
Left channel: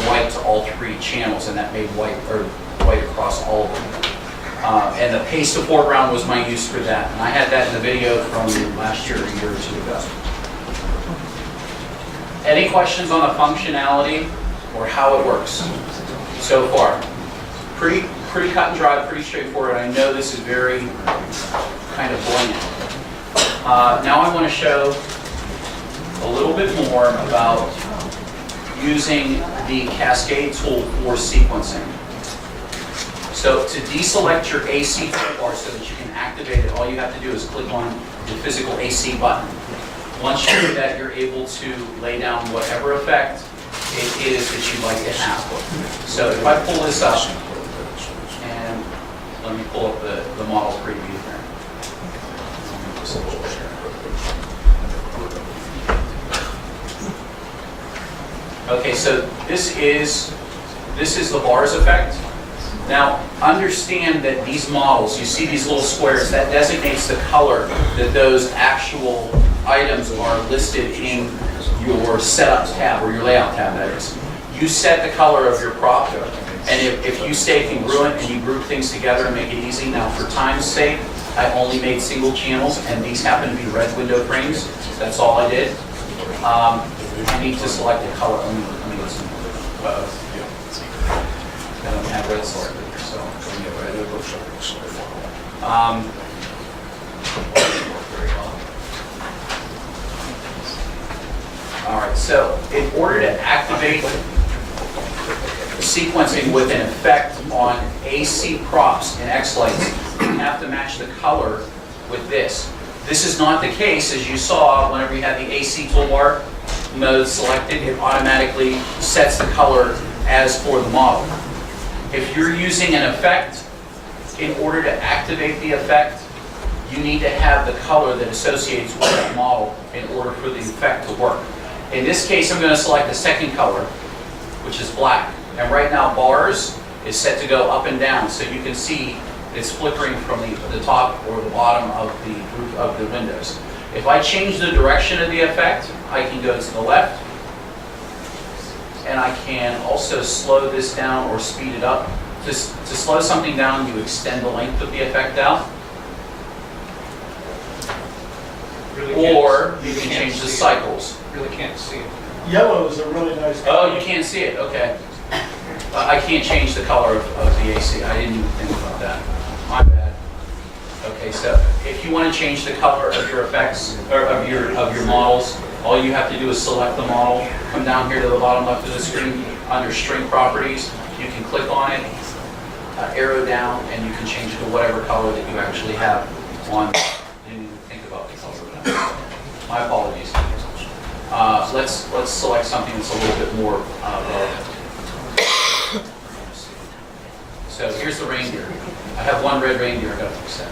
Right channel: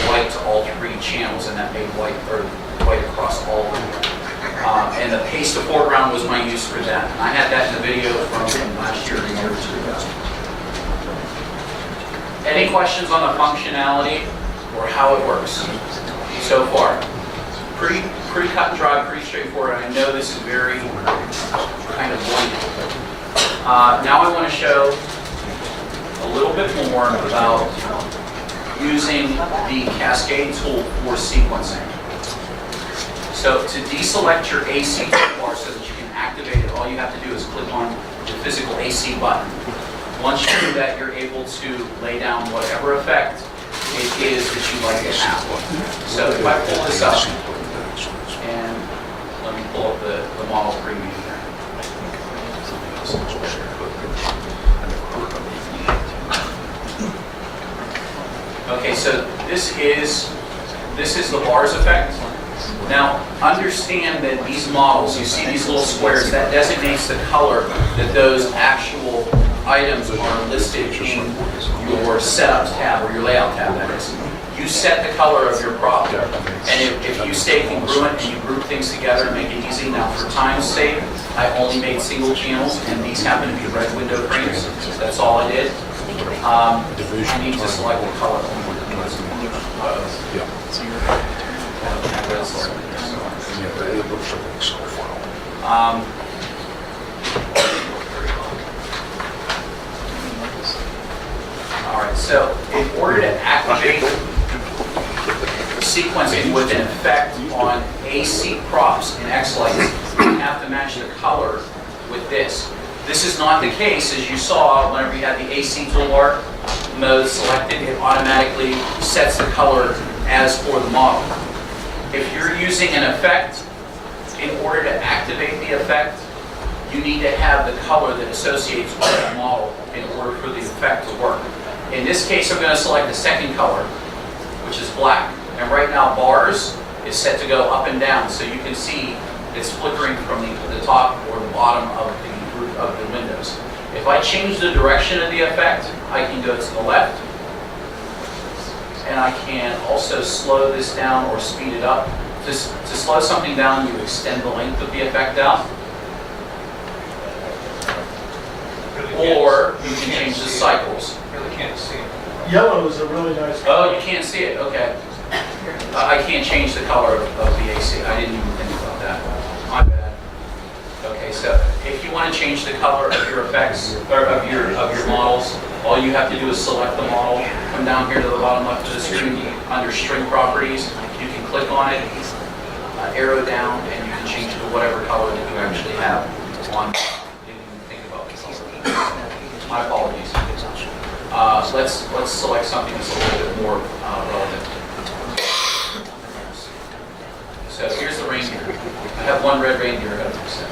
white to all 3 channels, and that made white across all of them. And the paste to foreground was my use for that. And I had that in the video from last year, a year or 2 ago. Any questions on the functionality or how it works so far? Pretty cut and dry, pretty straightforward. I know this is very kind of bland. Now I want to show a little bit more about using the Cascade tool for sequencing. So to deselect your AC toolbar so that you can activate it, all you have to do is click on the physical AC button. Once you do that, you're able to lay down whatever effect it is that you'd like to have. So if I pull this up, and let me pull up the model preview here. Okay, so this is the bars effect. Now, understand that these models, you see these little squares, that designates the color that those actual items are listed in your setup tab, or your layout tab, that is. You set the color of your prop, and if you stay congruent and you group things together and make it easy. Now, for time's sake, I only made single channels, and these happen to be red window frames. That's all I did. I need to select the color only. I don't have red selected here, so all right, so in order to activate sequencing with an effect on AC props in xLights, you have to match the color with this. This is not the case, as you saw, whenever you had the AC toolbar mode selected, it automatically sets the color as for the model. If you're using an effect, in order to activate the effect, you need to have the color that associates with that model in order for the effect to work. In this case, I'm going to select the second color, which is black. And right now, bars is set to go up and down, so you can see it's flickering from the top or the bottom of the roof of the windows. If I change the direction of the effect, I can go to the left, and I can also slow this down or speed it up. To slow something down, you extend the length of the effect out, or you can change the cycles. Really can't see it. Yellow is a really nice color. Oh, you can't see it, okay. I can't change the color of the AC. I didn't even think about that. My bad. Okay, so if you want to change the color of your effects, or of your models, all you have to do is select the model, come down here to the bottom left of the screen, under string properties, you can click on it, arrow down, and you can change it to whatever color that you actually have on. Didn't even think about the color. My apologies. Let's select something that's a little bit more relevant. So here's the reindeer. I have one red reindeer I got to fix that.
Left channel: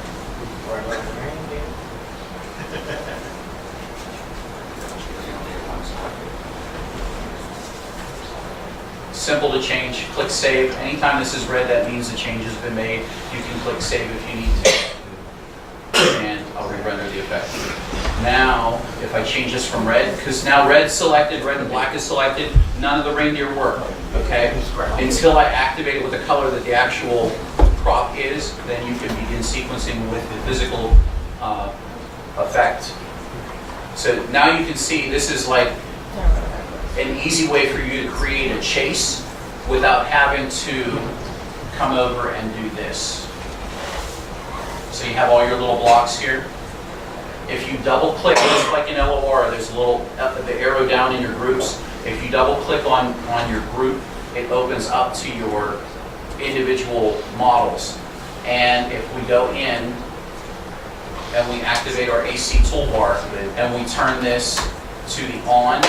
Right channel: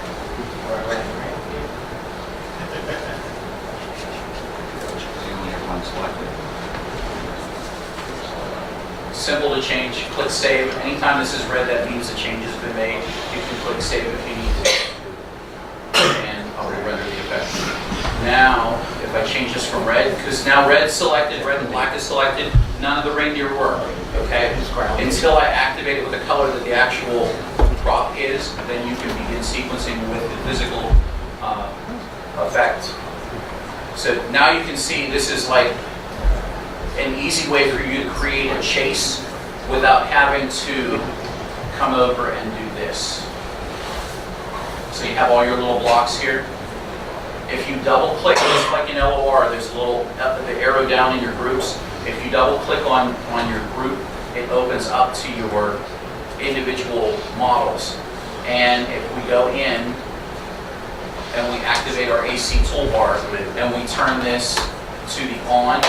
Simple to change. Click save. Anytime this is red, that means the change has been made. You can click save if you need to. And I'll re-render the effect. Now, if I change this from red, because now red's selected, red and black is selected, none of the reindeer work, okay? Until I activate it with the color that the actual prop is, then you can begin sequencing with the physical effect. So now you can see this is like an easy way for you to create a chase without having to come over and do this. So you have all your little blocks here. If you double click, just like in LOR, there's a little, the arrow down in your groups. If you double click on your group, it opens up to your individual models. And if we go in and we activate our AC toolbar and we turn this to the on,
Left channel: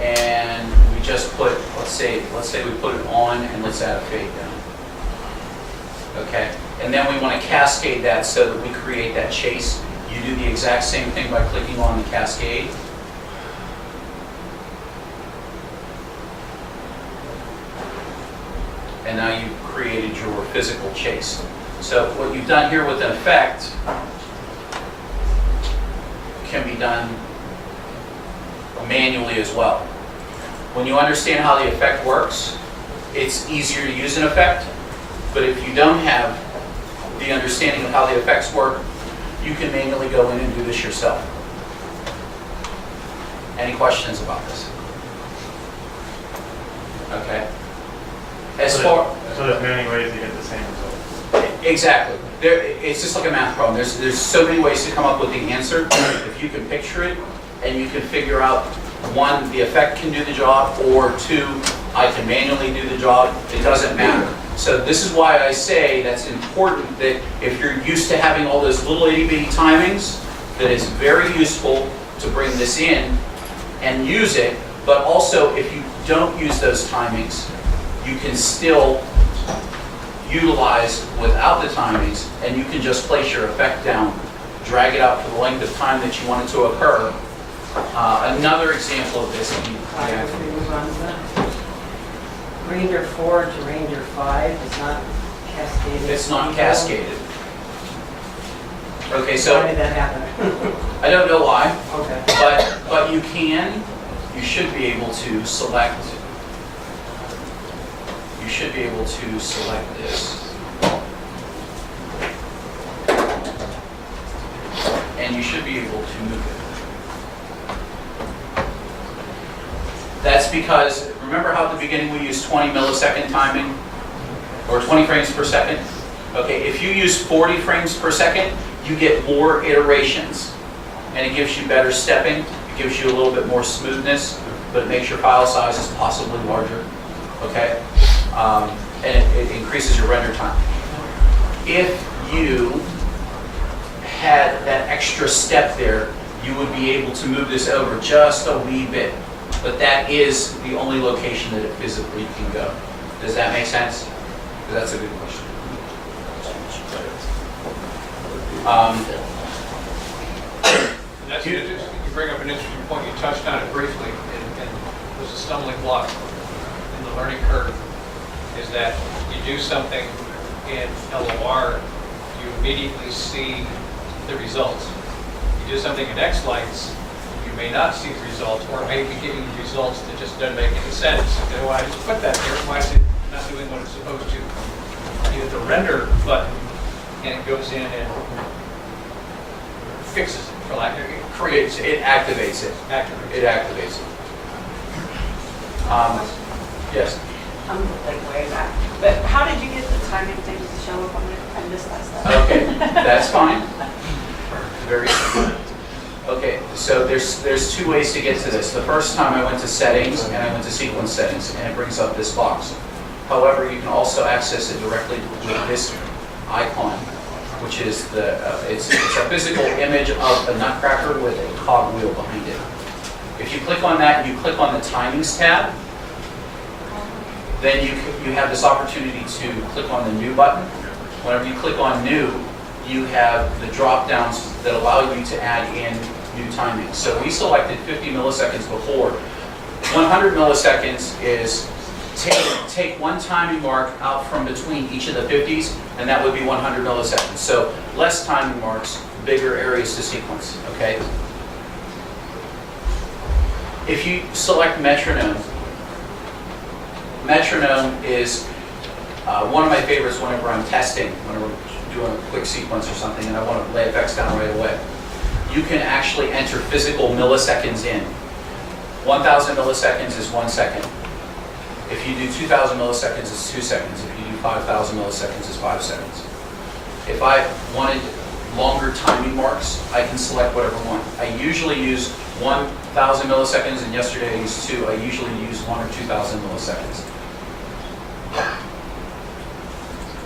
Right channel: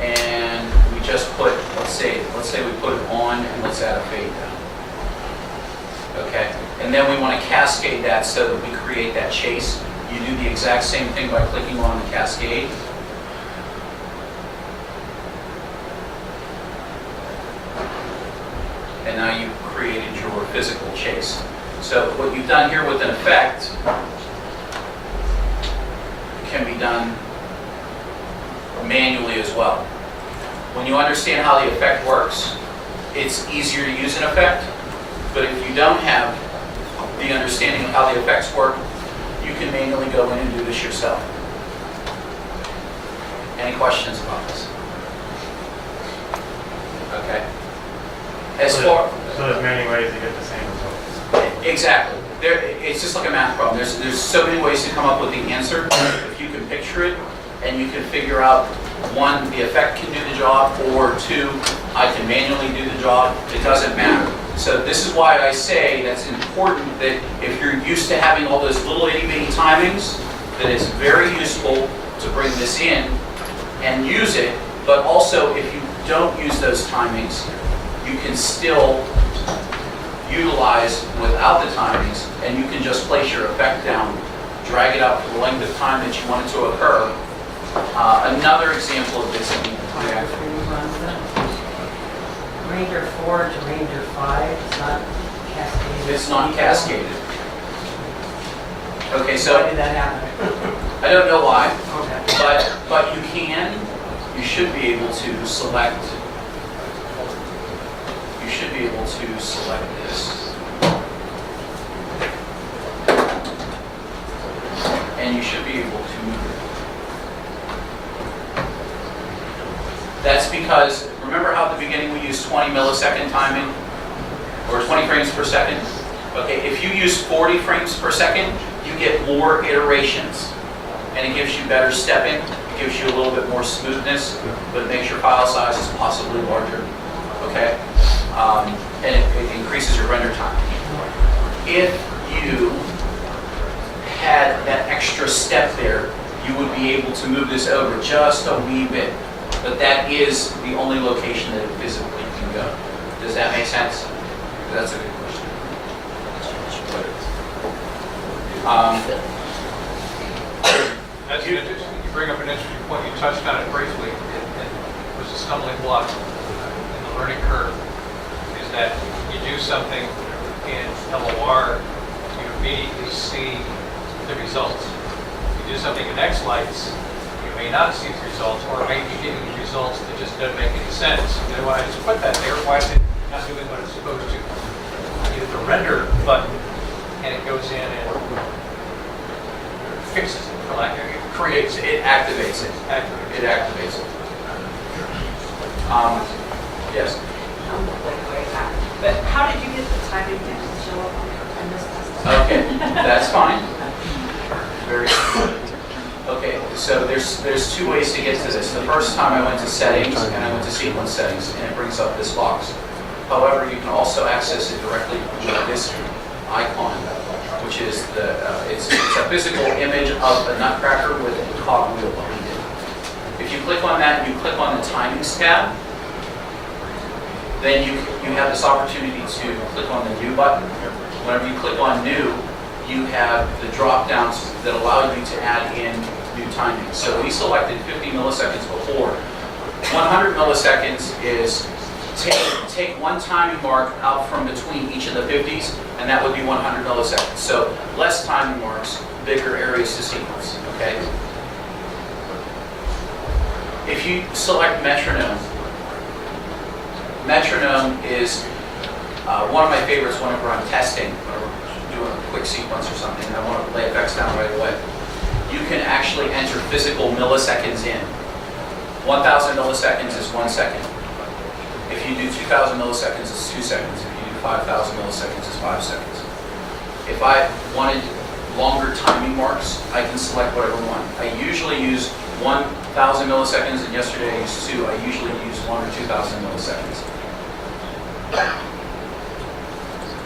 and we just put, let's say we put it on, and let's add a fade down. Okay, and then we want to cascade that so that we create that chase. You do the exact same thing by clicking on the cascade. And now you've created your physical chase. So what you've done here with an effect can be done manually as well. When you understand how the effect works, it's easier to use an effect. But if you don't have the understanding of how the effects work, you can manually go in and do this yourself. Any questions about this? Okay. So there's many ways to get the same result. Exactly. It's just like a math problem. There's so many ways to come up with the answer. If you can picture it and you can figure out, one, the effect can do the job, or two, I can manually do the job, it doesn't matter. So this is why I say that's important, that if you're used to having all those little itty bitty timings, that it's very useful to bring this in and use it, but also if you don't use those timings, you can still utilize without the timings, and you can just place your effect down, drag it out for the length of time that you want it to occur. Another example of this. Ranger 4 to Ranger 5 is not cascaded. It's not cascaded. Okay, so Why did that happen? I don't know why, Okay. but you should be able to select. You should be able to select this. And you should be able to move it. That's because, remember how at the beginning we used 20 millisecond timing? Or 20 frames per second? Okay, if you use 40 frames per second, you get more iterations. and it gives you better stepping, it gives you a little bit more smoothness, but it makes your file sizes possibly larger, okay? And it increases your render time. If you had that extra step there, you would be able to move this over just a wee bit. But that is the only location that it physically can go. Does that make sense? That's a good question. And that's, you bring up an interesting point, you touched on it briefly, and was a stumbling block in the learning curve, is that you do something in LOR, you immediately see the results. You do something in xLights, you may not see the results, or it may be giving you results that just doesn't make any sense. You know, why I just put that there, why is it not doing what it's supposed to? You hit the render button, and it goes in and fixes it, for lack of it. Creates, it activates it. It activates it. Yes. I'm like way back. But how did you get the timing thing to show up on your, I missed that stuff. Okay, that's fine. Very good. Okay, so there's two ways to get to this. The first time I went to settings and I went to sequence settings, and it brings up this box. However, you can also access it directly with this icon, which is it's a physical image of a nutcracker with a cogwheel behind it. If you click on that and you click on the timings tab, then you have this opportunity to click on the new button. Whenever you click on new, you have the drop downs that allow you to add in new timings. So we selected 50 milliseconds before. 100 milliseconds is take one timing mark out from between each of the 50s, and that would be 100 milliseconds. So less timing marks, bigger areas to sequence, okay? If you select metronome, metronome is one of my favorites whenever I'm testing, whenever we're doing a quick sequence or something and I want to lay effects down right away. You can actually enter physical milliseconds in. 1,000 milliseconds is 1 second. If you do 2,000 milliseconds, it's 2 seconds. If you do 5,000 milliseconds, it's 5 seconds. If I wanted longer timing marks, I can select whatever one. I usually use 1,000 milliseconds, and yesterday I used 2. I usually use 1 or 2,000 milliseconds.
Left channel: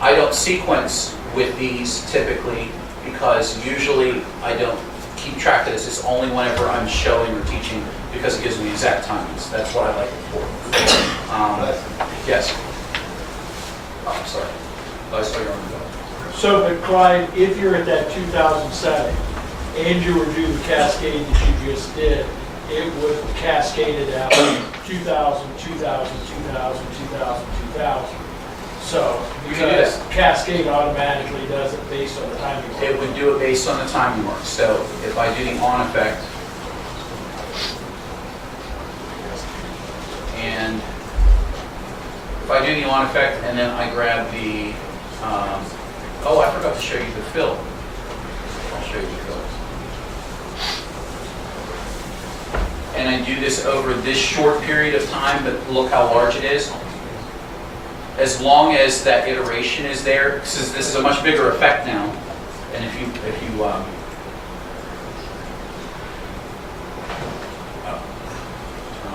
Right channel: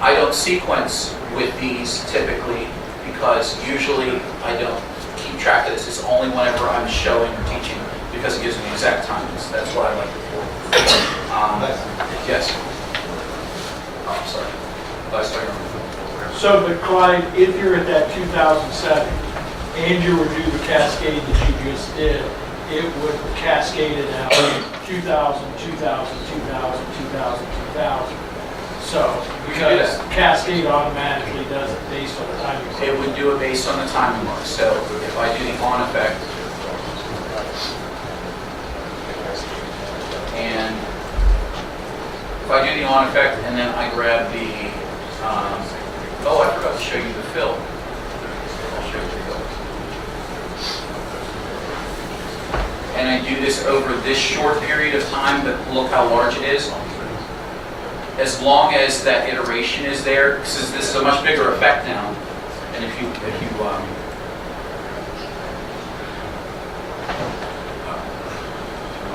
I don't sequence with these typically because usually I don't keep track of this. It's only whenever I'm showing or teaching because it gives me exact timings. That's what I like it for. Yes. Oh, I'm sorry. I saw you on the phone. So, but Clyde, if you're at that 2,000 setting and you were to do the cascade that you just did, it would cascade it out 2,000, 2,000, 2,000, 2,000, 2,000. So, because cascade automatically does it based on the timing. It would do it based on the timing mark. So if I do the on effect, and if I do the on effect and then I grab the, oh, I forgot to show you the fill. I'll show you the fill. And I do this over this short period of time, but look how large it is. As long as that iteration is there, because this is a much bigger effect now, and if you turn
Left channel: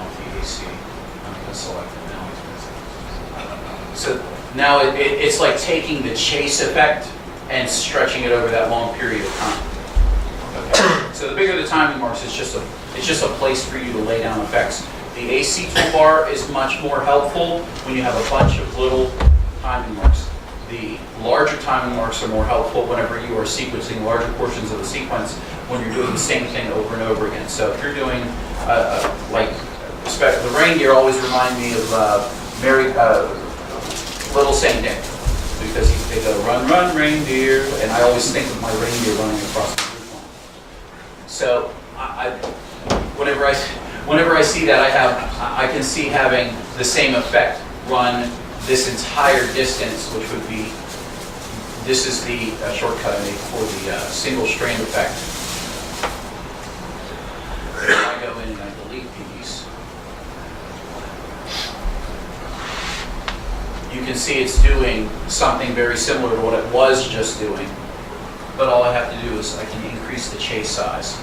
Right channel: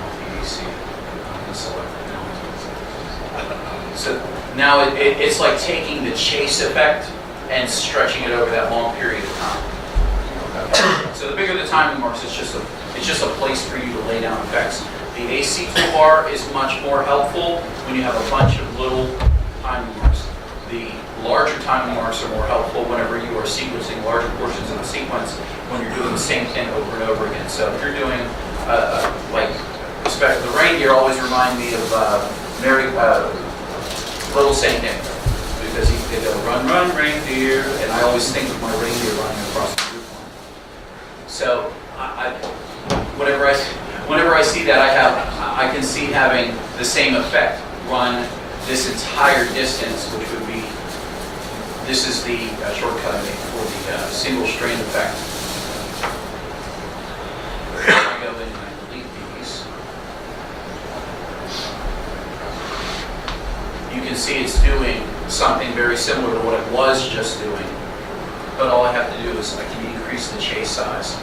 off the AC, I'm going to select it now. So now it's like taking the chase effect and stretching it over that long period of time. Okay. So the bigger the timing marks, it's just a place for you to lay down effects. The AC toolbar is much more helpful when you have a bunch of little timing marks. The larger timing marks are more helpful whenever you are sequencing larger portions of the sequence when you're doing the same thing over and over again. So if you're doing, the reindeer always remind me of Little Saint Nick, because they go, run, run, reindeer, and I always think of my reindeer running across the roof line. So whenever I see that, I can see having the same effect run this entire distance, which would be, this is the shortcut I made for the single strand effect. I go in and I delete these. You can see it's doing something very similar to what it was just doing, but all I have to do is I can increase the chase size.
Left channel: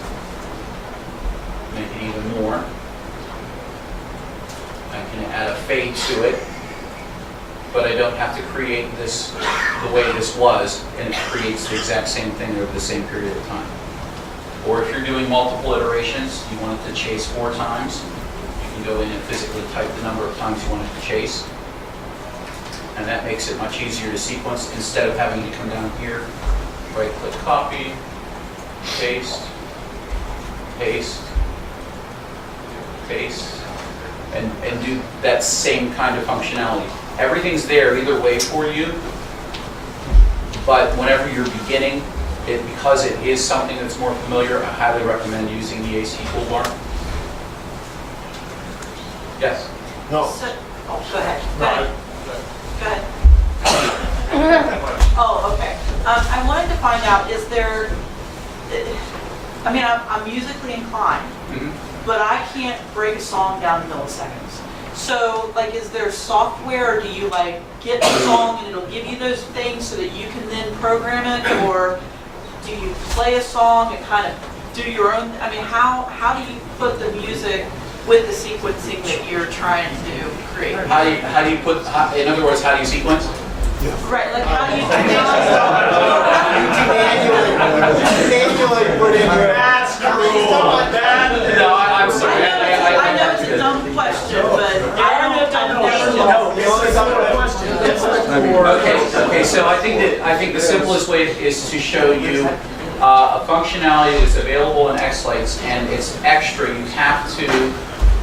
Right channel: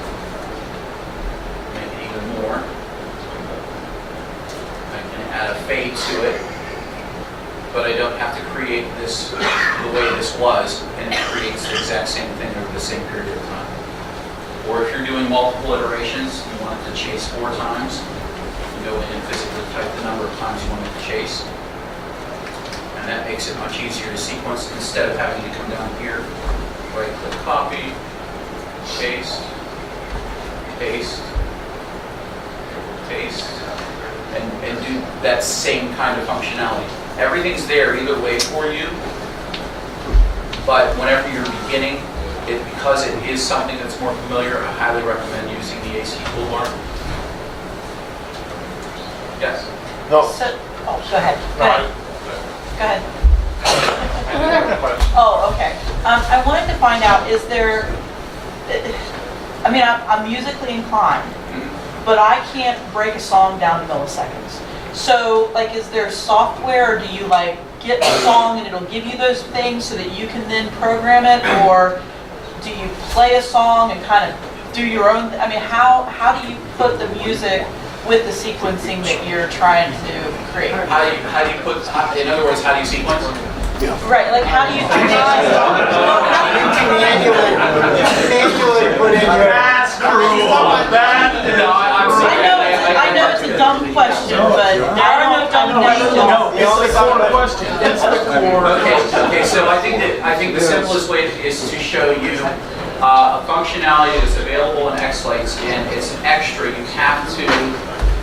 make it even more. I can add a fade to it, but I don't have to create this the way this was, and it creates the exact same thing over the same period of time. Or if you're doing multiple iterations, you want it to chase 4 times, you can go in and physically type the number of times you want it to chase. And that makes it much easier to sequence instead of having to come down here, right-click copy, paste, paste, paste, and do that same kind of functionality. Everything's there either way for you, but whenever you're beginning, because it is something that's more familiar, I highly recommend using the AC toolbar. Yes? No. So, oh, go ahead. Go No, ahead. Go ahead. Oh, okay. I wanted to find out, is there, I mean, I'm musically inclined, but I can't break a song down to milliseconds. So, like, is there software, or do you, like, get the song and it'll give you those things so that you can then program it, or do you play a song and kind of do your own, I mean, how do you put the music with the sequencing that you're trying to create? How do you put, in other words, how do you sequence? Right, like, how do you Manually put in your. That's cruel. No, I'm sorry. I know it's a dumb question, but there are no dumb questions. Okay, so I think the simplest way is to show you a functionality that's available in xLights, and it's extra. You have to,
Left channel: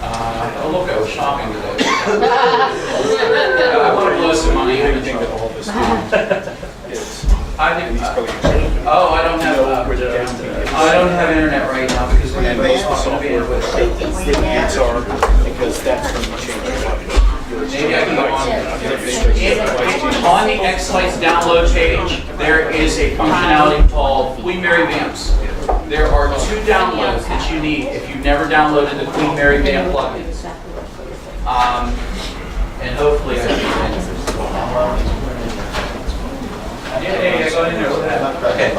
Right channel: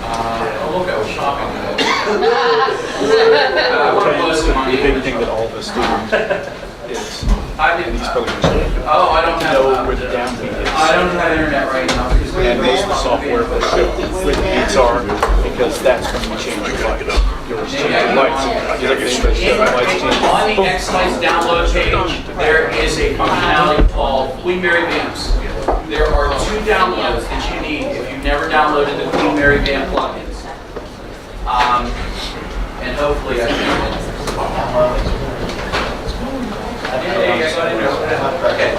oh look, I was shopping today. I want to blow some money. Everything that all this does is, I think, oh, I don't have internet right now because we have most of the software with XR, because that's going to change your maybe I can go on the xLights download page, there is a functionality called Queen Mary Vamps. There are 2 downloads that you need if you've never downloaded the Queen Mary Vamp plugins. And hopefully I can. Yeah, I got in there with that. Okay.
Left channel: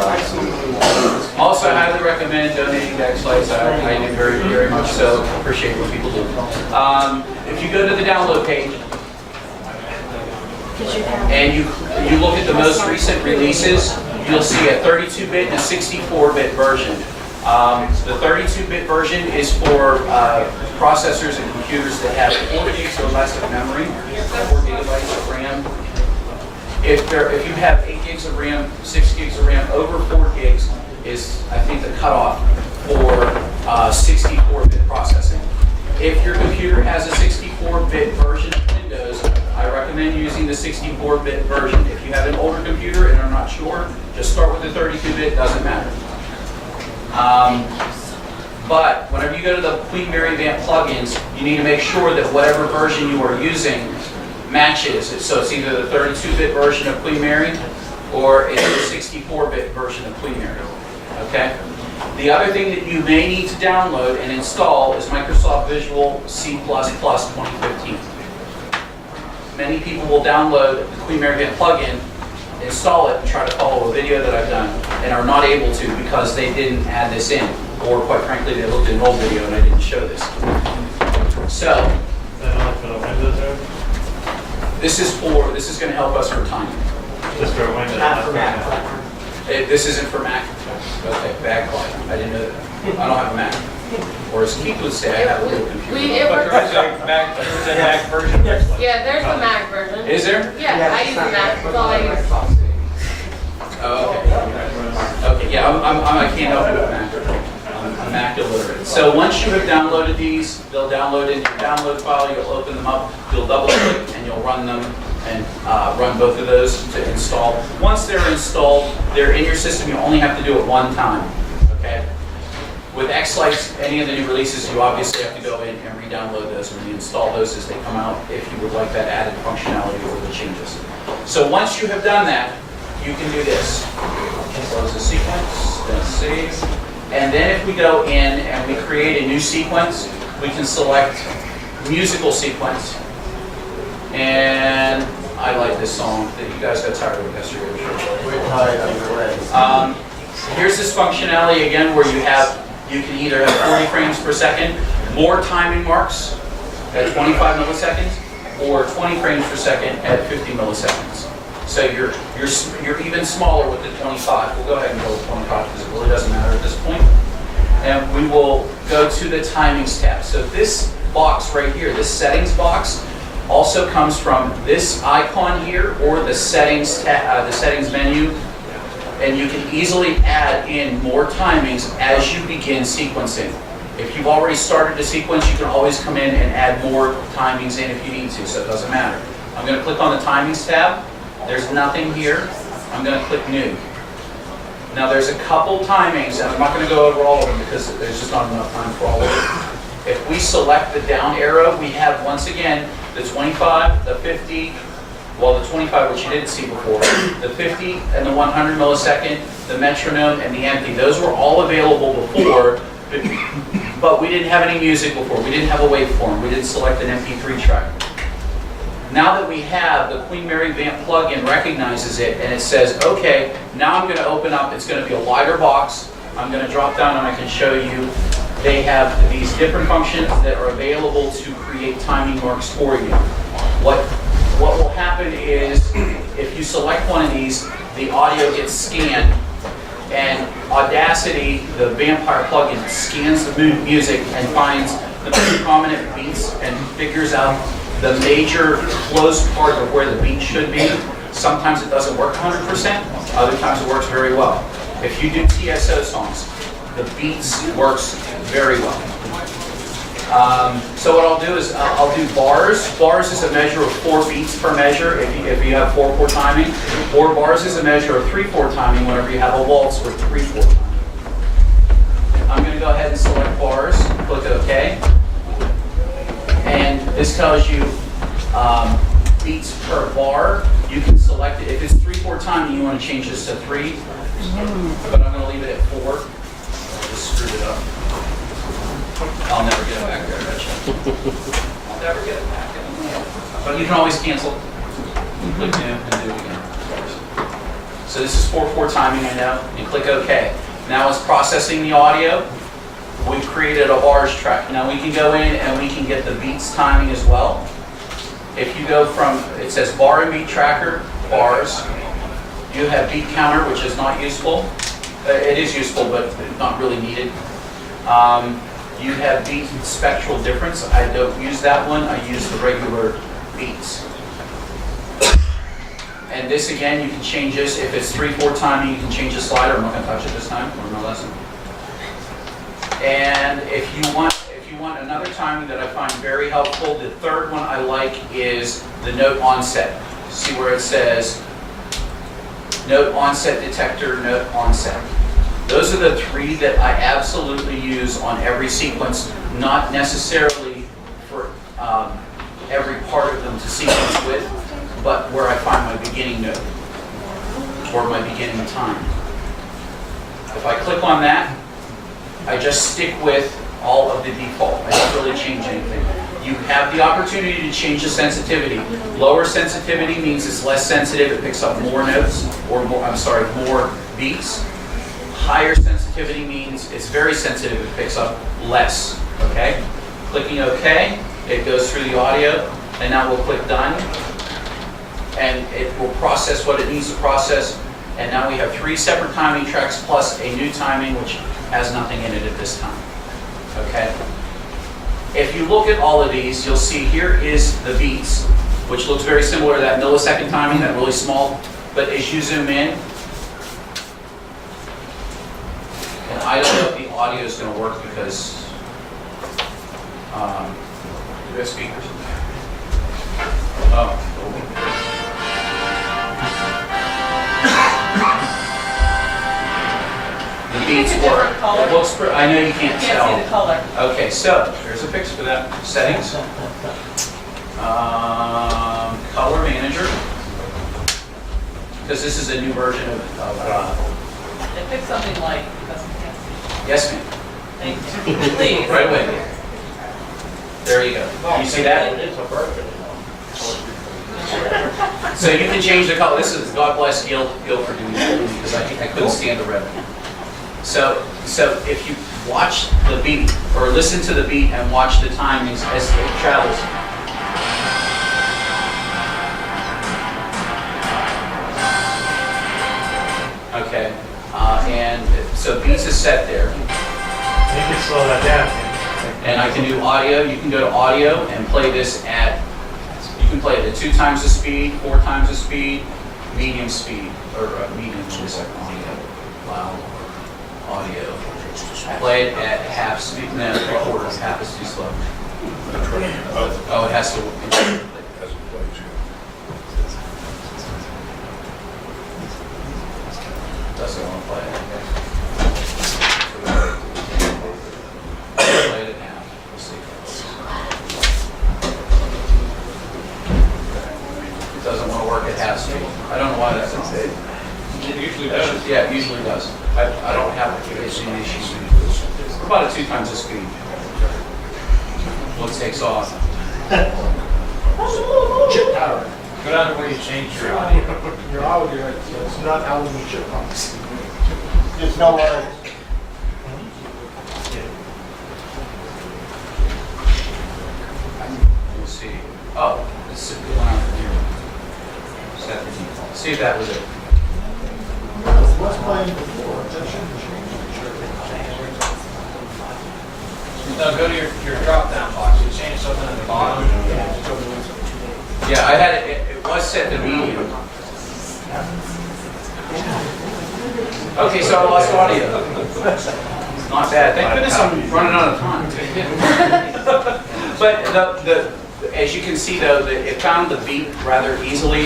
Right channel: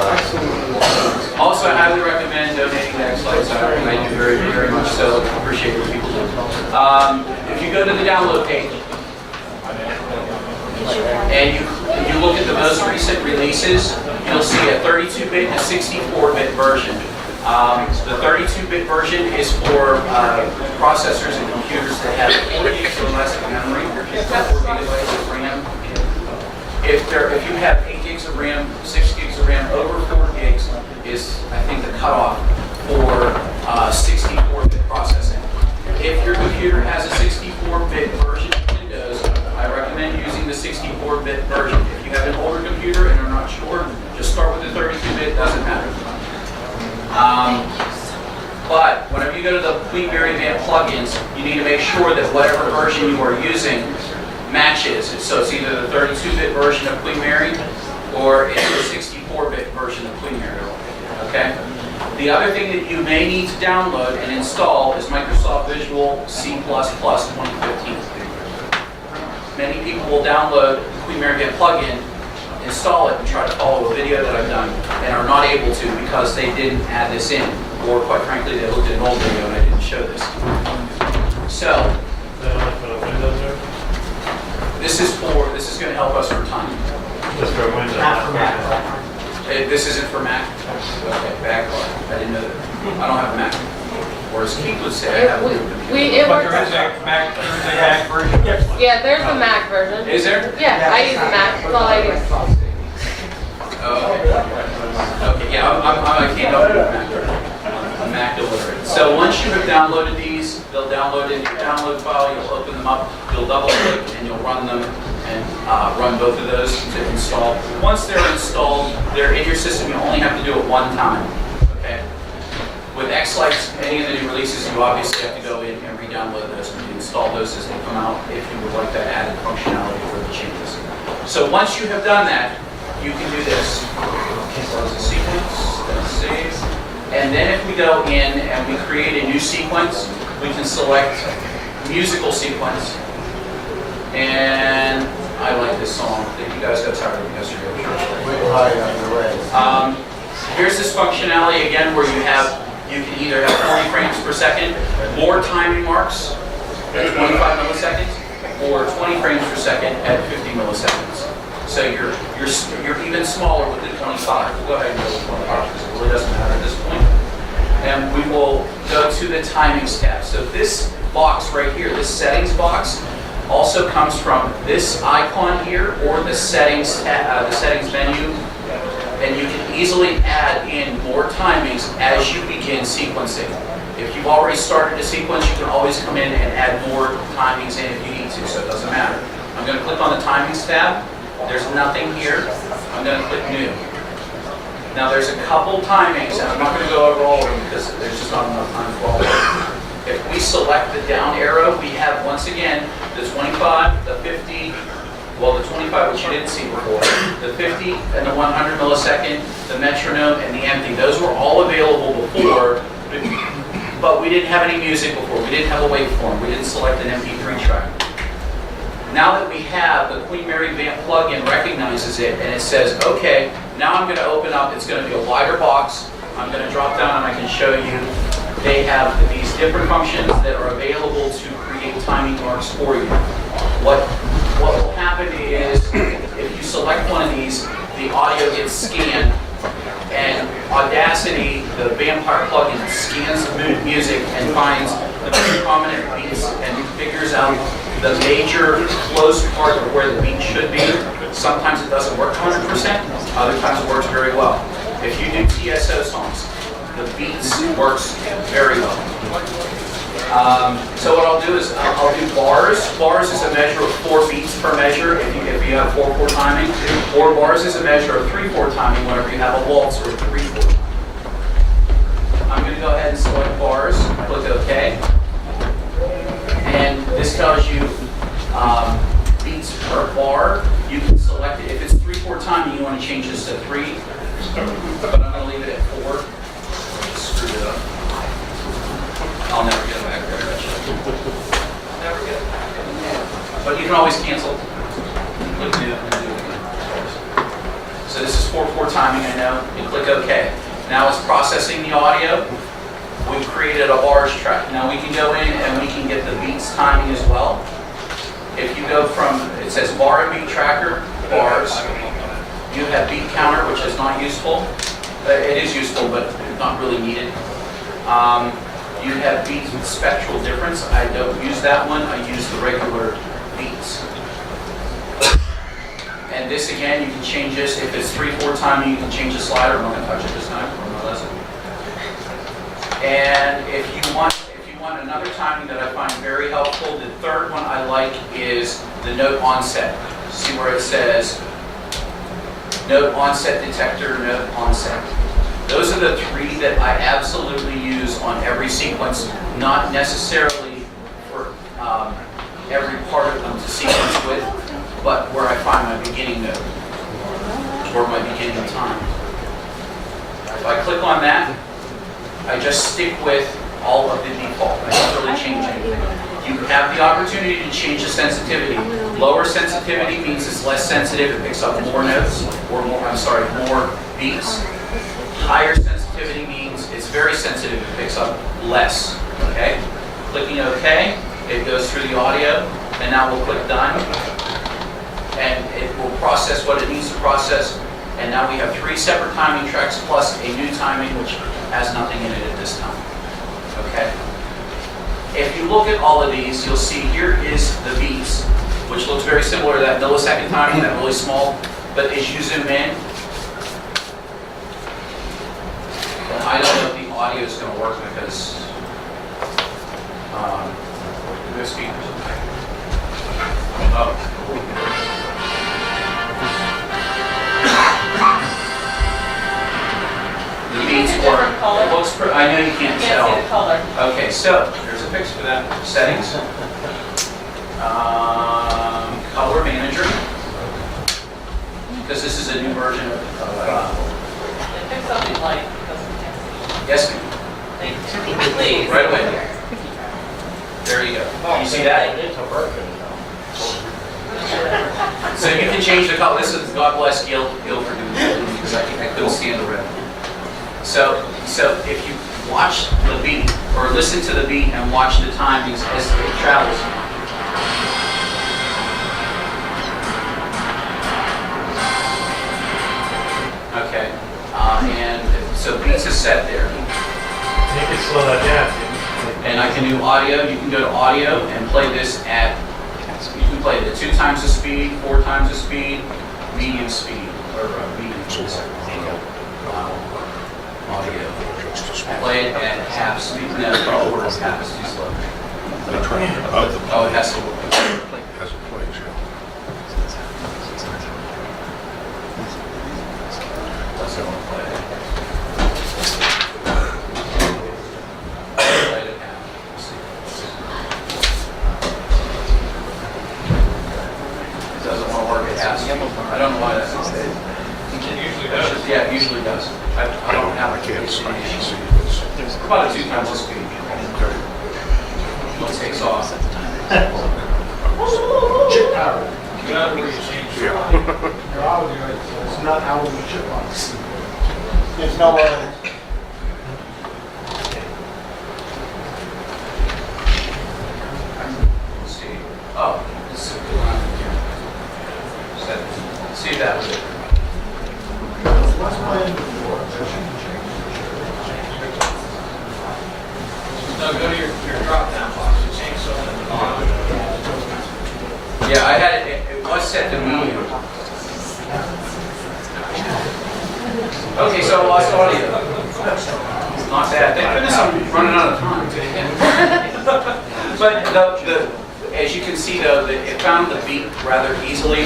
Also, I highly recommend donating to xLights. I do very, very much so. Appreciate what people do. If you go to the download page and you look at the most recent releases, you'll see a 32-bit and a 64-bit version. The 32-bit version is for processors and computers that have 4 gigs or less of memory, 4 gigabytes of RAM. If you have 8 gigs of RAM, 6 gigs of RAM, over 4 gigs is, I think, the cutoff for 64-bit processing. If your computer has a 64-bit version of Windows, I recommend using the 64-bit version. If you have an older computer and are not sure, just start with the 32-bit, doesn't matter. But whenever you go to the Queen Mary Vamp plugins, you need to make sure that whatever version you are using matches. So it's either the 32-bit version of Queen Mary or it's the 64-bit version of Queen Mary. Okay? The other thing that you may need to download and install is Microsoft Visual C++ 2015. Many people will download the Queen Mary Vamp plugin, install it, and try to follow a video that I've done, and are not able to because they didn't add this in. Or quite frankly, they looked at an old video and I didn't show this. So, this is going to help us for time. Just for Windows. Not for Mac. This isn't for Mac? Okay, backlight. I didn't know that. I don't have a Mac. Or as Keith would say, I have a little computer. It But works. there is a Mac version. Yeah, there's a Mac version. Is there? Yeah, I use a Mac. That's all I use. Oh, okay. Okay, yeah, I can't help you with Mac. I'm Mac illiterate. So once you have downloaded these, they'll download into your download file, you'll open them up, you'll double click, and you'll run them and run both of those to install. Once they're installed, they're in your system, you only have to do it one time, okay? With xLights, any of the new releases, you obviously have to go in and re-download those and install those as they come out if you would like that added functionality or the changes. So once you have done that, you can do this. Close the sequence, then save. And then if we go in and we create a new sequence, we can select musical sequence. And I like this song. You guys got tired of it yesterday, I'm sure. Wait, hi, on your way. Here's this functionality again where you have You can either have 40 frames per second, more timing marks at 25 milliseconds, or 20 frames per second at 50 milliseconds. So you're even smaller with the 25. We'll go ahead and go with 25 because it really doesn't matter at this point. And we will go to the timings tab. So this box right here, this settings box, also comes from this icon here or the settings menu. And you can easily add in more timings as you begin sequencing. If you've already started to sequence, you can always come in and add more timings in if you need to, so it doesn't matter. I'm going to click on the timings tab. There's nothing here. I'm going to click new. Now there's a couple timings, and I'm not going to go over all of them because there's just not enough time for all of them. If we select the down arrow, we have, once again, the 25, the 50, well, the 25, which you didn't see before, the 50 and the 100 millisecond, the metronome, and the empty. Those were all available before, but we didn't have any music before. We didn't have a waveform. We didn't select an MP3 track. Now that we have, the Queen Mary Vamp plugin recognizes it, and it says, okay, now I'm going to open up. It's going to be a wider box. I'm going to drop down, and I can show you. They have these different functions that are available to create timing marks for you. What will happen is, if you select one of these, the audio gets scanned, and Audacity, the Vampire plugin, scans the music and finds the most prominent beats and figures out the major close part of where the beat should be. Sometimes it doesn't work 100%, other times it works very well. If you do TSO songs, the beats works very well. So what I'll do is I'll do bars. Bars is a measure of 4 beats per measure if you have 4/4 timing, or bars is a measure of 3/4 timing whenever you have a waltz or 3/4 timing. I'm going to go ahead and select bars, click OK, and this tells you beats per bar. You can select it. If it's 3/4 timing, you want to change this to 3, but I'm going to leave it at 4. I just screwed it up. I'll never get it back there, I bet you. I'll never get it back. But you can always cancel. Click new and do it again. So this is 4/4 timing, I know. You click OK. Now it's processing the audio. We've created a bars track. Now we can go in and we can get the beats timing as well. If you go from, it says bar and beat tracker, bars. You have beat counter, which is not useful. It is useful, but not really needed. You have beats with spectral difference. I don't use that one. I use the regular beats. And this again, you can change this. If it's 3/4 timing, you can change the slider. I'm not going to touch it this time for my lesson. And if you want another timing that I find very helpful, the third one I like is the note onset. See where it says note onset detector, note onset. Those are the 3 that I absolutely use on every sequence, not necessarily for every part of them to sequence with, but where I find my beginning note or my beginning time. If I click on that, I just stick with all of the default. I don't really change anything. You have the opportunity to change the sensitivity. Lower sensitivity means it's less sensitive, it picks up more notes, or more beats. Higher sensitivity means it's very sensitive, it picks up less, okay? Clicking OK, it goes through the audio, and now we'll click done, and it will process what it needs to process, and now we have 3 separate timing tracks plus a new timing which has nothing in it at this time, okay? If you look at all of these, you'll see here is the beats, which looks very similar to that millisecond timing, that really small, but as you zoom in, and I don't know if the audio is going to work because do we have speakers? Oh. The beats work. It looks pretty. I know you can't tell. Can't see the color. Okay, so there's a fix for that. Settings. Color manager. Because this is a new version of Pick something light because we can't see. yes, ma'am. Thank you. Please. Right away. There you go. You see that? It's a birthday, So you can change the color. This is God bless Gil for doing this because I couldn't stand the red. So if you watch the beat, or listen to the beat and watch the timings as it travels. Okay, and so beats is set there. You can slow that down. And I can do audio. You can go to audio and play this at, you can play it at 2 times the speed, 4 times the speed, medium speed, or medium audio. Play it at half speed. No, quarter, half is too slow. Oh, it has to. Doesn't want to play it. Play it at half. Let's see. It doesn't want to work at half speed. I don't know why that's. It usually does. Yeah, it usually does. I don't have a clear explanation. About 2 times the speed. It takes off. Chip power. Go down to where you change your Your audio, it's not out of the chipmunks. There's no other. Let's see. Oh, let's see. See if that was it. What's playing before? No, go to your drop-down box. You change something at the bottom. Yeah, I had it, it was set to medium. Okay, so I lost audio. Not bad. Thank goodness I'm running out of time. But as you can see though, it found the beat rather easily.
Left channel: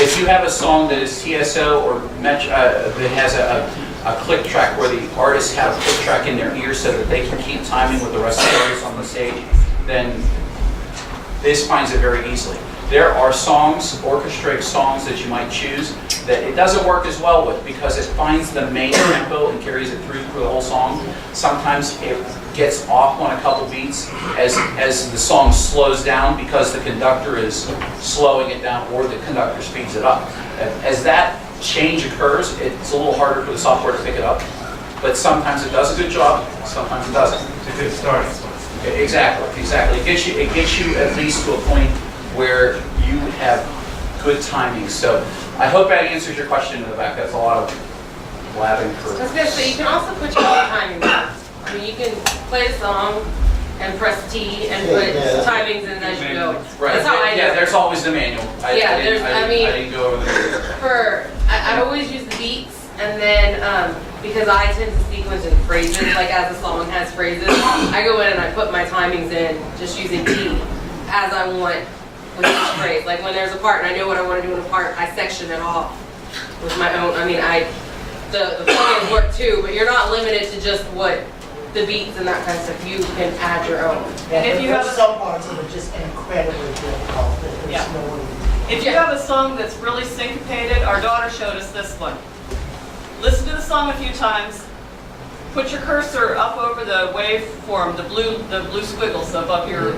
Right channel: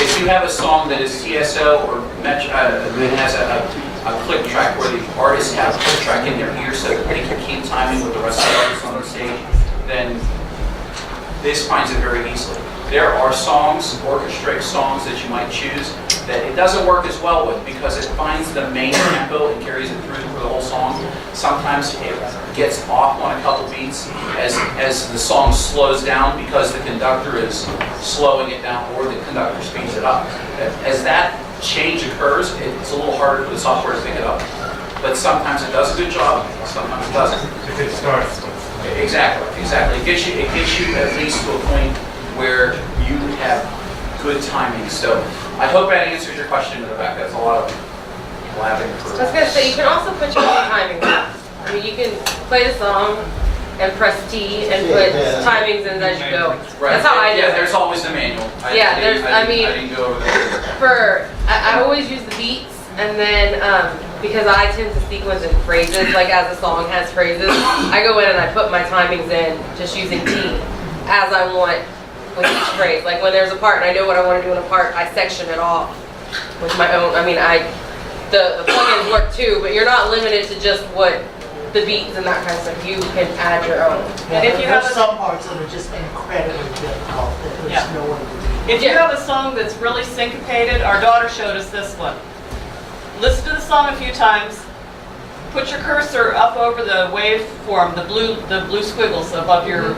If you have a song that is TSO or that has a click track where the artists have a click track in their ear so that they can keep timing with the rest of the artists on the stage, then this finds it very easily. There are songs, orchestrated songs that you might choose that it doesn't work as well with because it finds the main tempo and carries it through for the whole song. Sometimes it gets off on a couple beats as the song slows down because the conductor is slowing it down or the conductor speeds it up. As that change occurs, it's a little harder for the software to pick it up. But sometimes it does a good job, sometimes it doesn't. It's a good start. Exactly. It gets you at least to a point where you have good timing. So I hope that answers your question, Rebecca. That's a lot of blabbing for. I was gonna say, you can also put your own timing down. I mean, you can play the song and press T and put timings in as you go. Right. That's how I do it. There's always the manual. I didn't go over there. I always use the beats, and then because I tend to sequence in phrases, like as a song has phrases, I go in and I put my timings in just using T as I want with each phrase. Like when there's a part and I know what I want to do in a part, I section it off with my own. I mean, the plugins work too, but you're not limited to just what the beats and that kind of stuff. You can add your own. Yeah, if you there's have some parts that are just incredibly difficult, that there's no way to do. If you have a song that's really syncopated, our daughter showed us this one. Listen to the song a few times. Put your cursor up over the waveform, the blue squiggles above your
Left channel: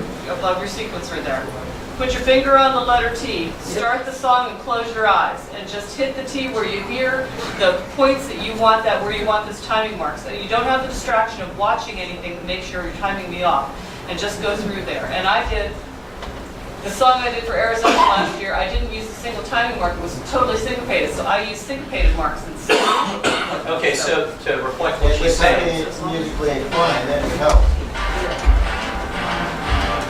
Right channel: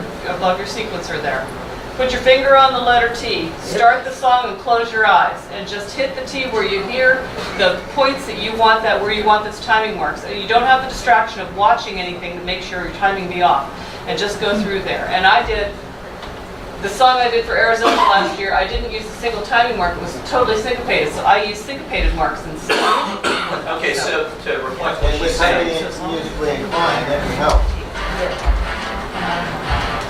sequencer there. Put your finger on the letter T. Start the song and close your eyes, and just hit the T where you hear the points that you want where you want this timing marks. And you don't have the distraction of watching anything to make sure you're timing me off, and just go through there. And I did. The song I did for Arizona last year, I didn't use a single timing mark. It was totally syncopated, so I used syncopated marks instead. Okay, so to reflect what And she's with saying, somebody musically inclined, that would help.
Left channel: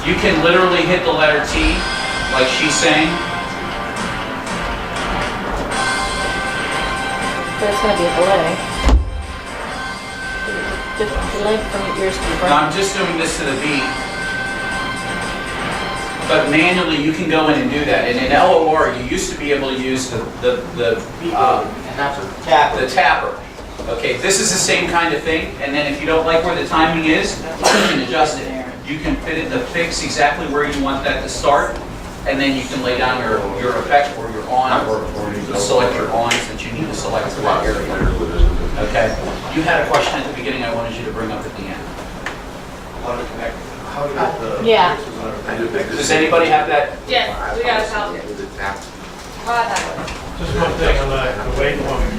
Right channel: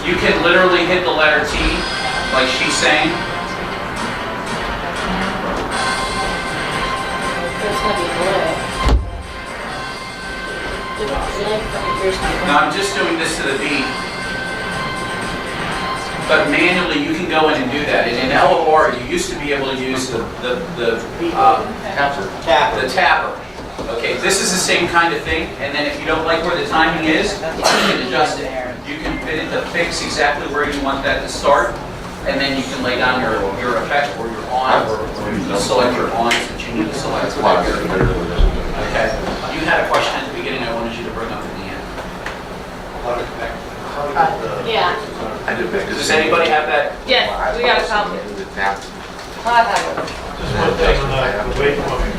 you can literally hit the letter T, like she's saying. There's gonna be a delay. Delay from your speaker. Now I'm just doing this to the beat. But manually, you can go in and do that. And in LOR, you used to be able to use the tapper. Okay, this is the same kind of thing. And then if you don't like where the timing is, you can adjust it. You can fit it to fix exactly where you want that to start. And then you can lay down your effect or your on, or you select your ons that you need to select for that area. Okay. You had a question at the beginning I wanted you to bring up at the end. How to connect? Yeah. Does anybody have that? Yes, we got a copy. Just one thing on the waveform. You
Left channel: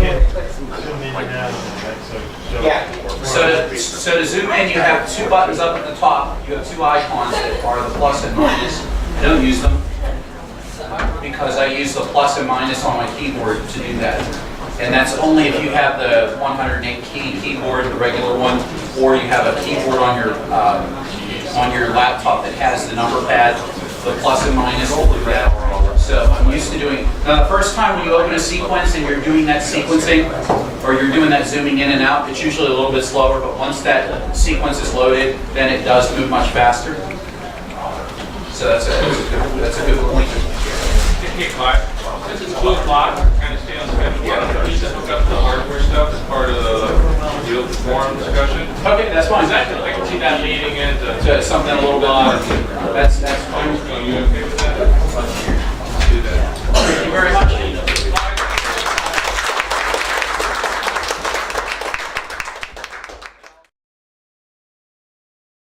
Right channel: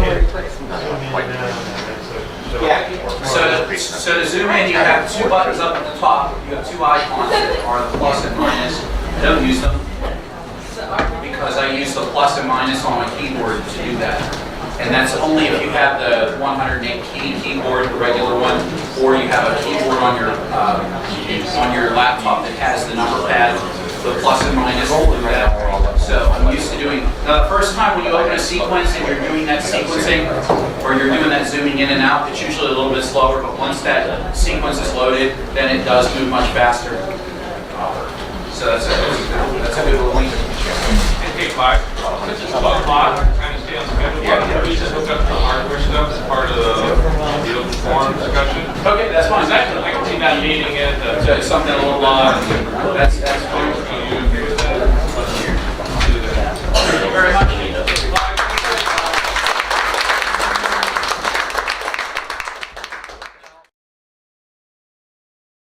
can zoom in and out on that, so Yeah. So to zoom in, you have two buttons up at the top. You have two icons that are the plus and minus. I don't use them because I use the plus and minus on my keyboard to do that. And that's only if you have the 108 key keyboard, the regular one, or you have a keyboard on your laptop that has the number pad. The plus and minus will do that. So I'm used to doing, now the first time when you open a sequence and you're doing that sequencing, or you're doing that zooming in and out, it's usually a little bit slower, but once that sequence is loaded, then it does move much faster. So that's a good little link. Hey, Clyde, since it's 2 o'clock, kind of stay on schedule, why don't we just hook up the hardware stuff as part of the open forum discussion? Okay, that's fine. I can see that meeting at the... So something a little bit, that's fine. Are you okay with that? Let's do that. Thank you very much.